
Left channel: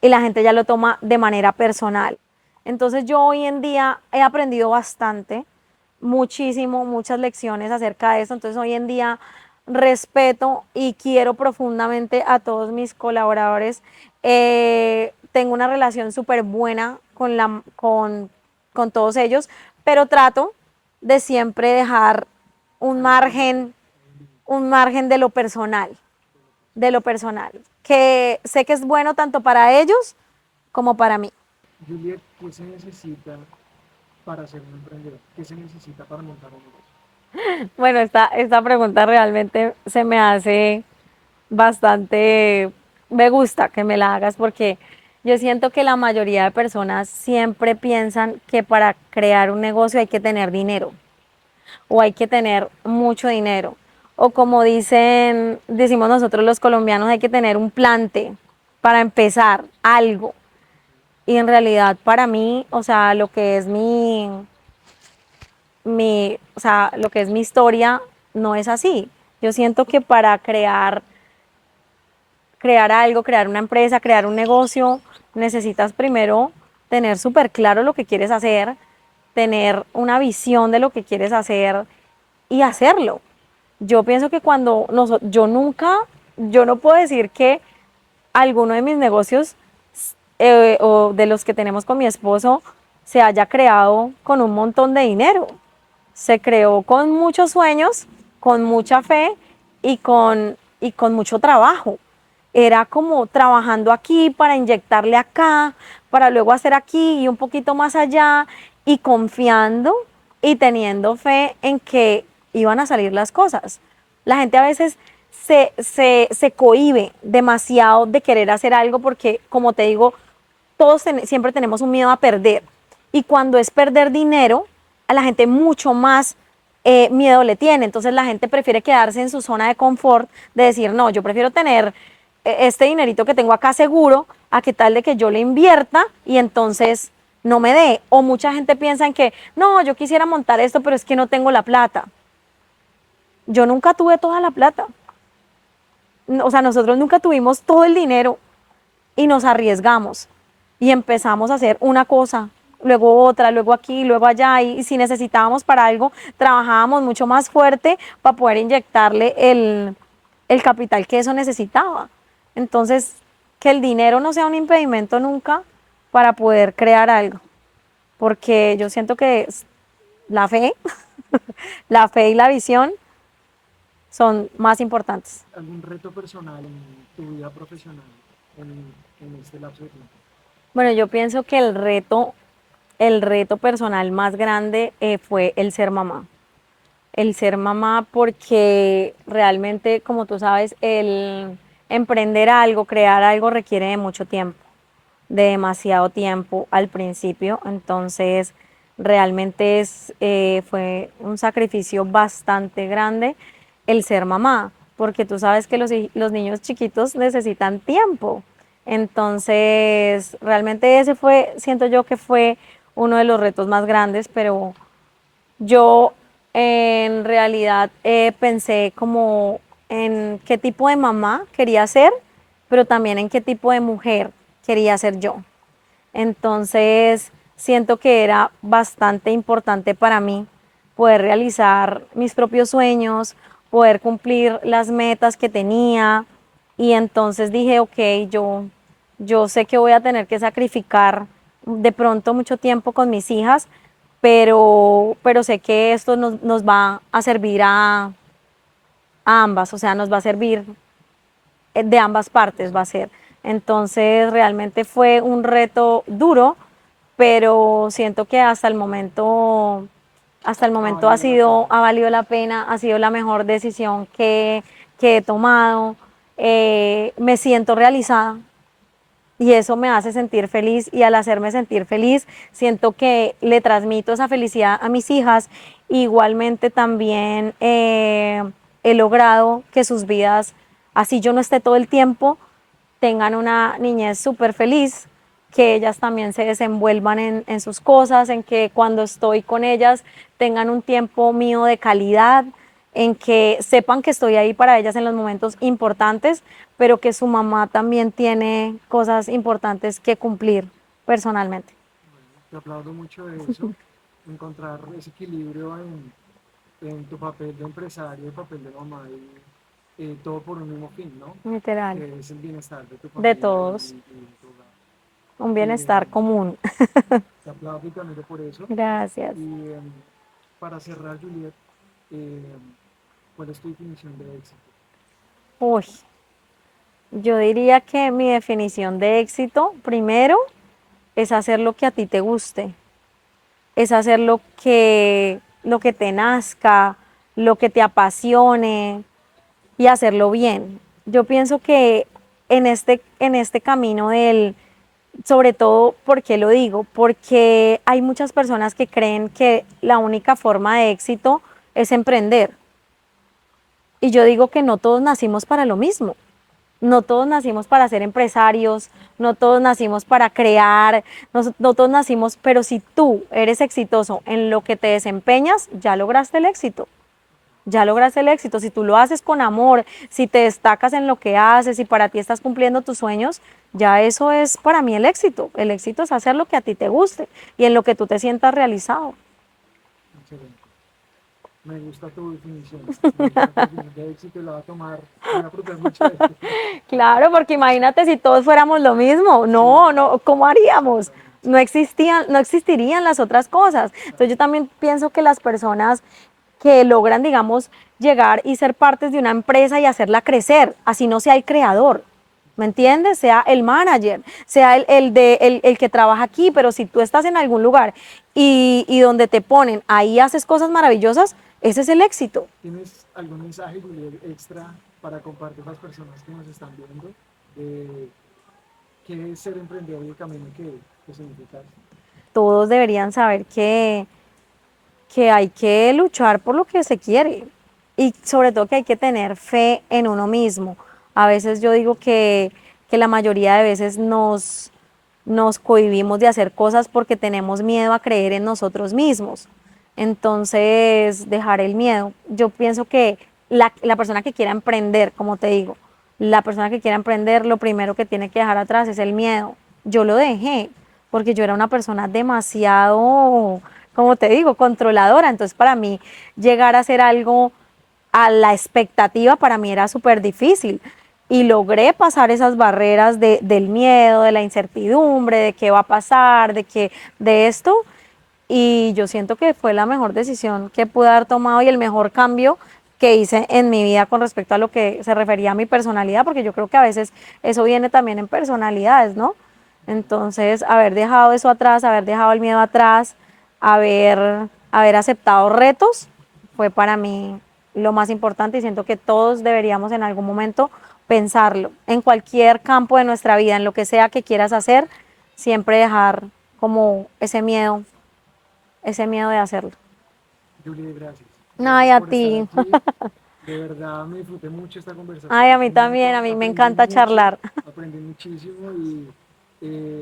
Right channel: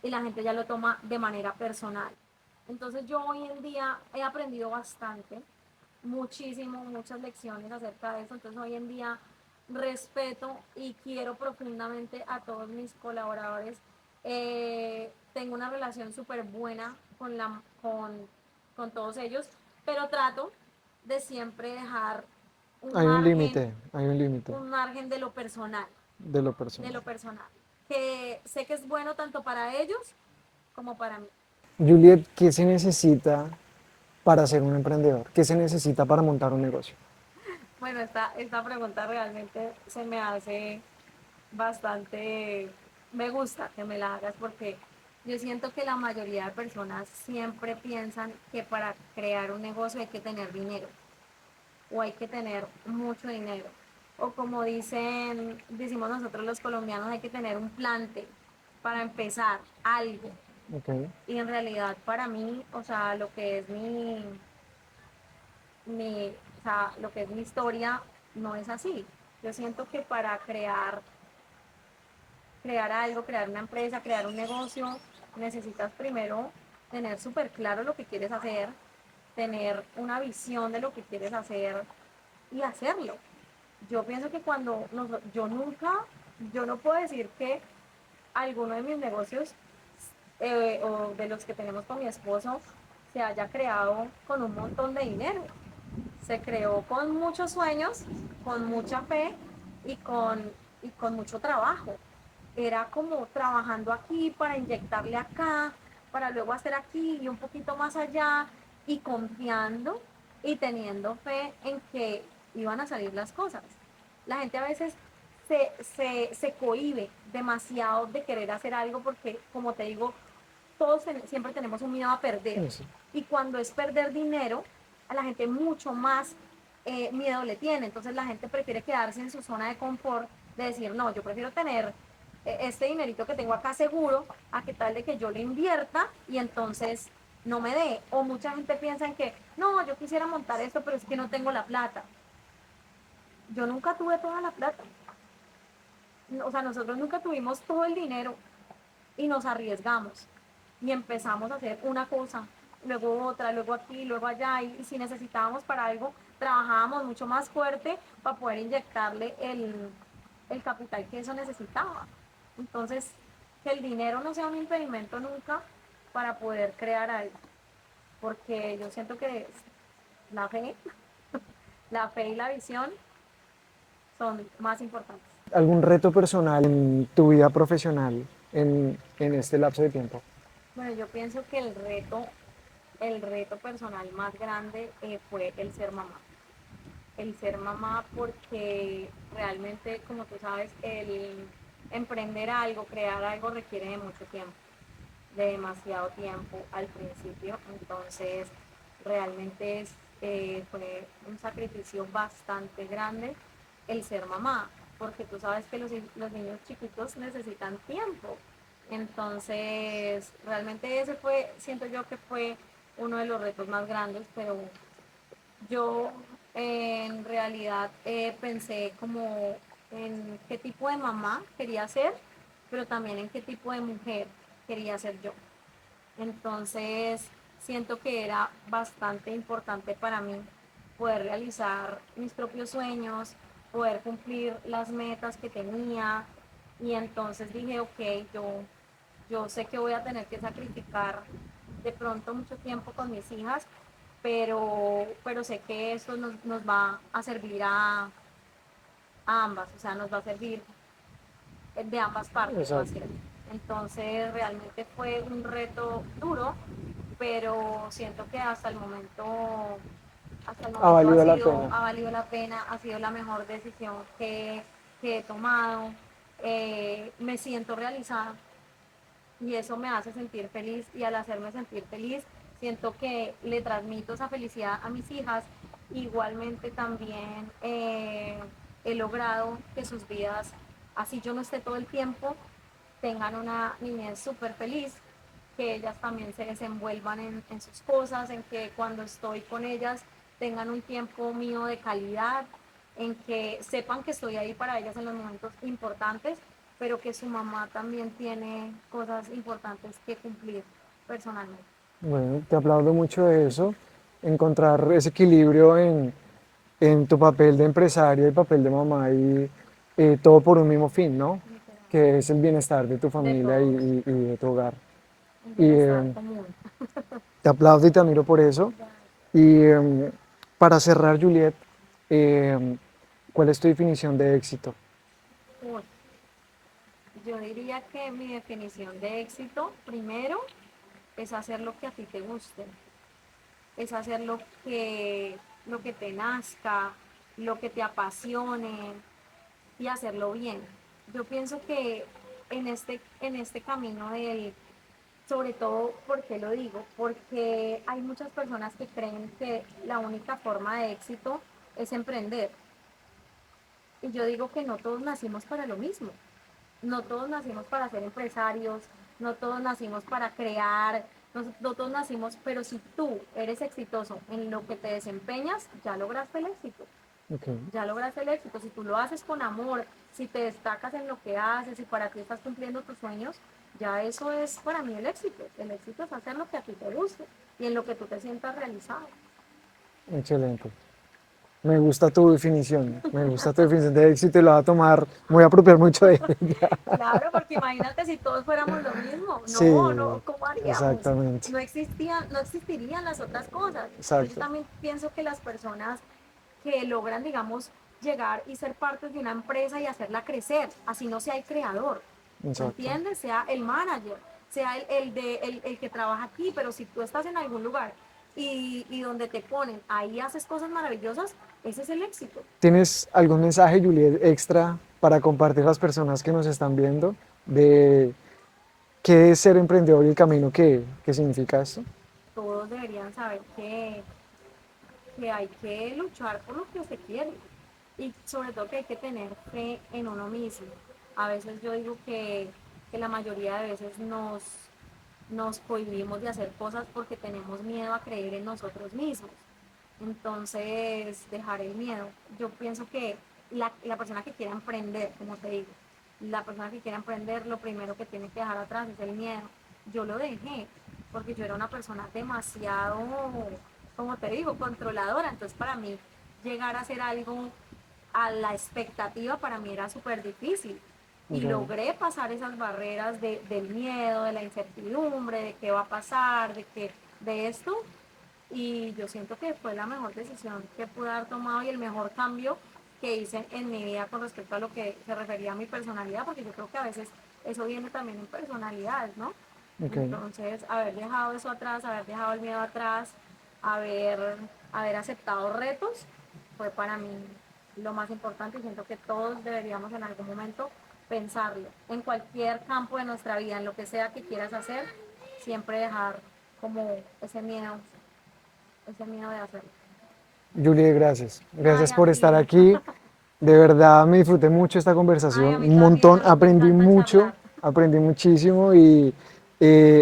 y la gente ya lo toma de manera personal. Entonces yo hoy en día he aprendido bastante, muchísimo, muchas lecciones acerca de eso. Entonces hoy en día respeto y quiero profundamente a todos mis colaboradores. Tengo una relación súper buena con todos ellos, pero trato de siempre dejar Hay un límite un margen de lo de personal. lo personal, que sé que es bueno tanto para ellos como para mí. Juliet, ¿qué se necesita para ser un emprendedor? ¿Qué se necesita para montar un negocio? Bueno, esta pregunta realmente se me hace bastante, me gusta que me la hagas porque yo siento que la mayoría de personas siempre piensan que para crear un negocio hay que tener dinero o hay que tener mucho dinero. O como decimos nosotros los colombianos, hay que tener un plante para empezar algo. Okay. Y en realidad para mí, o sea, lo que es o sea, lo que es mi historia no es así. Yo siento que para crear algo, crear una empresa, crear un negocio, necesitas primero tener súper claro lo que quieres hacer, tener una visión de lo que quieres hacer y hacerlo. Yo pienso que yo no puedo decir que alguno de mis negocios o de los que tenemos con mi esposo se haya creado con un montón de dinero. Se creó con muchos sueños, con mucha fe y con mucho trabajo. Era como trabajando aquí para inyectarle acá, para luego hacer aquí y un poquito más allá y confiando y teniendo fe en que iban a salir las cosas. La gente a veces se cohíbe demasiado de querer hacer algo porque, como te digo, siempre tenemos un miedo a perder. Eso. Y cuando es perder dinero, a la gente mucho más miedo le tiene. Entonces la gente prefiere quedarse en su zona de confort, de decir, no, yo prefiero tener este dinerito que tengo acá seguro, a que tal de que yo le invierta y entonces no me dé. O mucha gente piensa en que, no, yo quisiera montar esto, pero es que no tengo la plata. Yo nunca tuve toda la plata. O sea, nosotros nunca tuvimos todo el dinero y nos arriesgamos y empezamos a hacer una cosa, luego otra, luego aquí, luego allá y si necesitábamos para algo, trabajábamos mucho más fuerte para poder inyectarle el capital que eso necesitaba. Entonces, que el dinero no sea un impedimento nunca para poder crear algo, porque yo siento que la fe, la fe y la visión son más importantes. ¿Algún reto personal en tu vida profesional en este lapso de tiempo? Bueno, yo pienso que el reto personal más grande fue el ser mamá. El ser mamá porque realmente, como tú sabes, el emprender algo, crear algo requiere de mucho tiempo, de demasiado tiempo al principio. Entonces, realmente fue un sacrificio bastante grande el ser mamá, porque tú sabes que los niños chiquitos necesitan tiempo. Entonces, realmente ese fue, siento yo que fue uno de los retos más grandes, pero yo en realidad pensé como en qué tipo de mamá quería ser, pero también en qué tipo de mujer quería ser yo. Entonces, siento que era bastante importante para mí poder realizar mis propios sueños, poder cumplir las metas que tenía. Y entonces dije, ok, yo sé que voy a tener que sacrificar de pronto mucho tiempo con mis hijas, pero sé que esto nos va a servir a ambas, o sea, nos va a servir de ambas partes, va a Exacto. ser. Entonces, realmente fue un reto duro, pero siento que hasta el Ha momento valido la pena. ha valido la pena, ha sido la mejor decisión que he tomado. me siento realizada y eso me hace sentir feliz y al hacerme sentir feliz siento que le transmito esa felicidad a mis hijas. Igualmente también he logrado que sus vidas, así yo no esté todo el tiempo, tengan una niñez súper feliz, que ellas también se desenvuelvan en sus cosas, en que cuando estoy con ellas tengan un tiempo mío de calidad, en que sepan que estoy ahí para ellas en los momentos importantes, pero que su mamá también tiene cosas importantes que cumplir personalmente. Bueno, te aplaudo mucho de eso, encontrar ese equilibrio en tu papel de empresaria y papel de mamá y todo por un mismo fin, ¿no? Literal, Que es el bienestar de tu de familia todos, y de tu hogar. un Y bienestar común. te aplaudo y te admiro por eso. Gracias. Y para cerrar, Juliet, ¿cuál es tu definición de éxito? Uy, yo diría que mi definición de éxito, primero, es hacer lo que a ti te guste, es hacer lo que te nazca, lo que te apasione y hacerlo bien. Yo pienso que en este camino del, sobre todo, ¿por qué lo digo? Porque hay muchas personas que creen que la única forma de éxito es emprender. Y yo digo que no todos nacimos para lo mismo. No todos nacimos para ser empresarios, no todos nacimos para crear, no todos nacimos, pero si tú eres exitoso en lo que te desempeñas, ya lograste el éxito. Okay. Ya lograste el éxito. Si tú lo haces con amor, si te destacas en lo que haces, si para ti estás cumpliendo tus sueños, ya eso es para mí el éxito. El éxito es hacer lo que a ti te guste y en lo que tú te sientas realizado. Excelente. Me gusta tu definición de éxito y lo voy a tomar, me voy a apropiar mucho de ella. Claro, porque imagínate si todos fuéramos lo mismo. No, Sí, no, ¿cómo haríamos? exactamente. No existían, no existirían las otras cosas. Entonces yo Exacto. también pienso que las personas que logran, digamos, llegar y ser partes de una empresa y hacerla crecer, así no sea el creador, ¿me Exacto. entiendes? Sea el manager, sea el que trabaja aquí, pero si tú estás en algún lugar y donde te ponen, ahí haces cosas maravillosas, ese es el éxito. ¿Tienes algún mensaje, Juliet, extra para compartir a las personas que nos están viendo de qué es ser emprendedor y el camino que significa esto? Todos deberían saber que hay que luchar por lo que se quiere y sobre todo que hay que tener fe en uno mismo. A veces yo digo que la mayoría de veces nos cohibimos de hacer cosas porque tenemos miedo a creer en nosotros mismos. Entonces, dejar el miedo. Yo pienso que la persona que quiera emprender, como te digo, la persona que quiera emprender, lo primero que tiene que dejar atrás es el miedo. Yo lo dejé porque yo era una persona demasiado, como te digo, controladora. Entonces, para mí, llegar a hacer algo a la expectativa, para mí era súper difícil. Y Mm. logré pasar esas barreras del miedo, de la incertidumbre, de qué va a pasar, de esto. Y yo siento que fue la mejor decisión que pude haber tomado y el mejor cambio que hice en mi vida con respecto a lo que se refería a mi personalidad, porque yo creo que a veces eso viene también en personalidades, ¿no? Ok. Entonces, haber dejado eso atrás, haber dejado el miedo atrás, haber aceptado retos, fue para mí lo más importante y siento que todos deberíamos en algún momento pensarlo, en cualquier campo de nuestra vida, en lo que sea que quieras hacer, siempre dejar como ese miedo de hacerlo. Juliet, gracias. Ay, Gracias a por estar ti. aquí. De verdad me disfruté mucho esta Ay, a conversación, mí un también, montón, a mí me encanta charlar. aprendí muchísimo y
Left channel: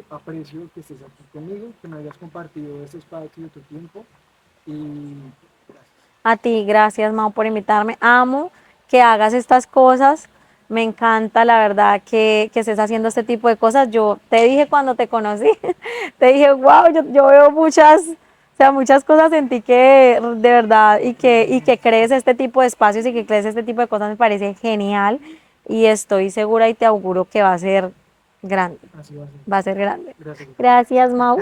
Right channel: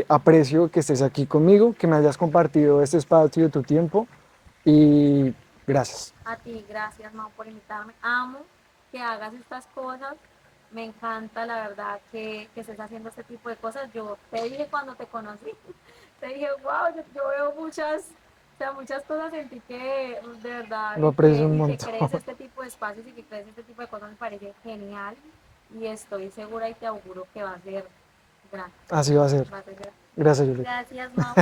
aprecio que estés aquí conmigo, que me hayas compartido este espacio de tu tiempo y gracias. A ti, gracias, Mau, por invitarme. Amo que hagas estas cosas. Me encanta, la verdad, que estés haciendo este tipo de cosas. Yo te dije cuando te conocí, te dije, wow, yo veo muchas, o sea, muchas cosas en ti que de verdad Lo aprecio un y que montón. crees este tipo de espacios y que crees este tipo de cosas me parece genial. Y estoy segura y te auguro que va a ser grande. Así va a ser. Va a ser grande. Gracias, Juliet. Gracias, Mau.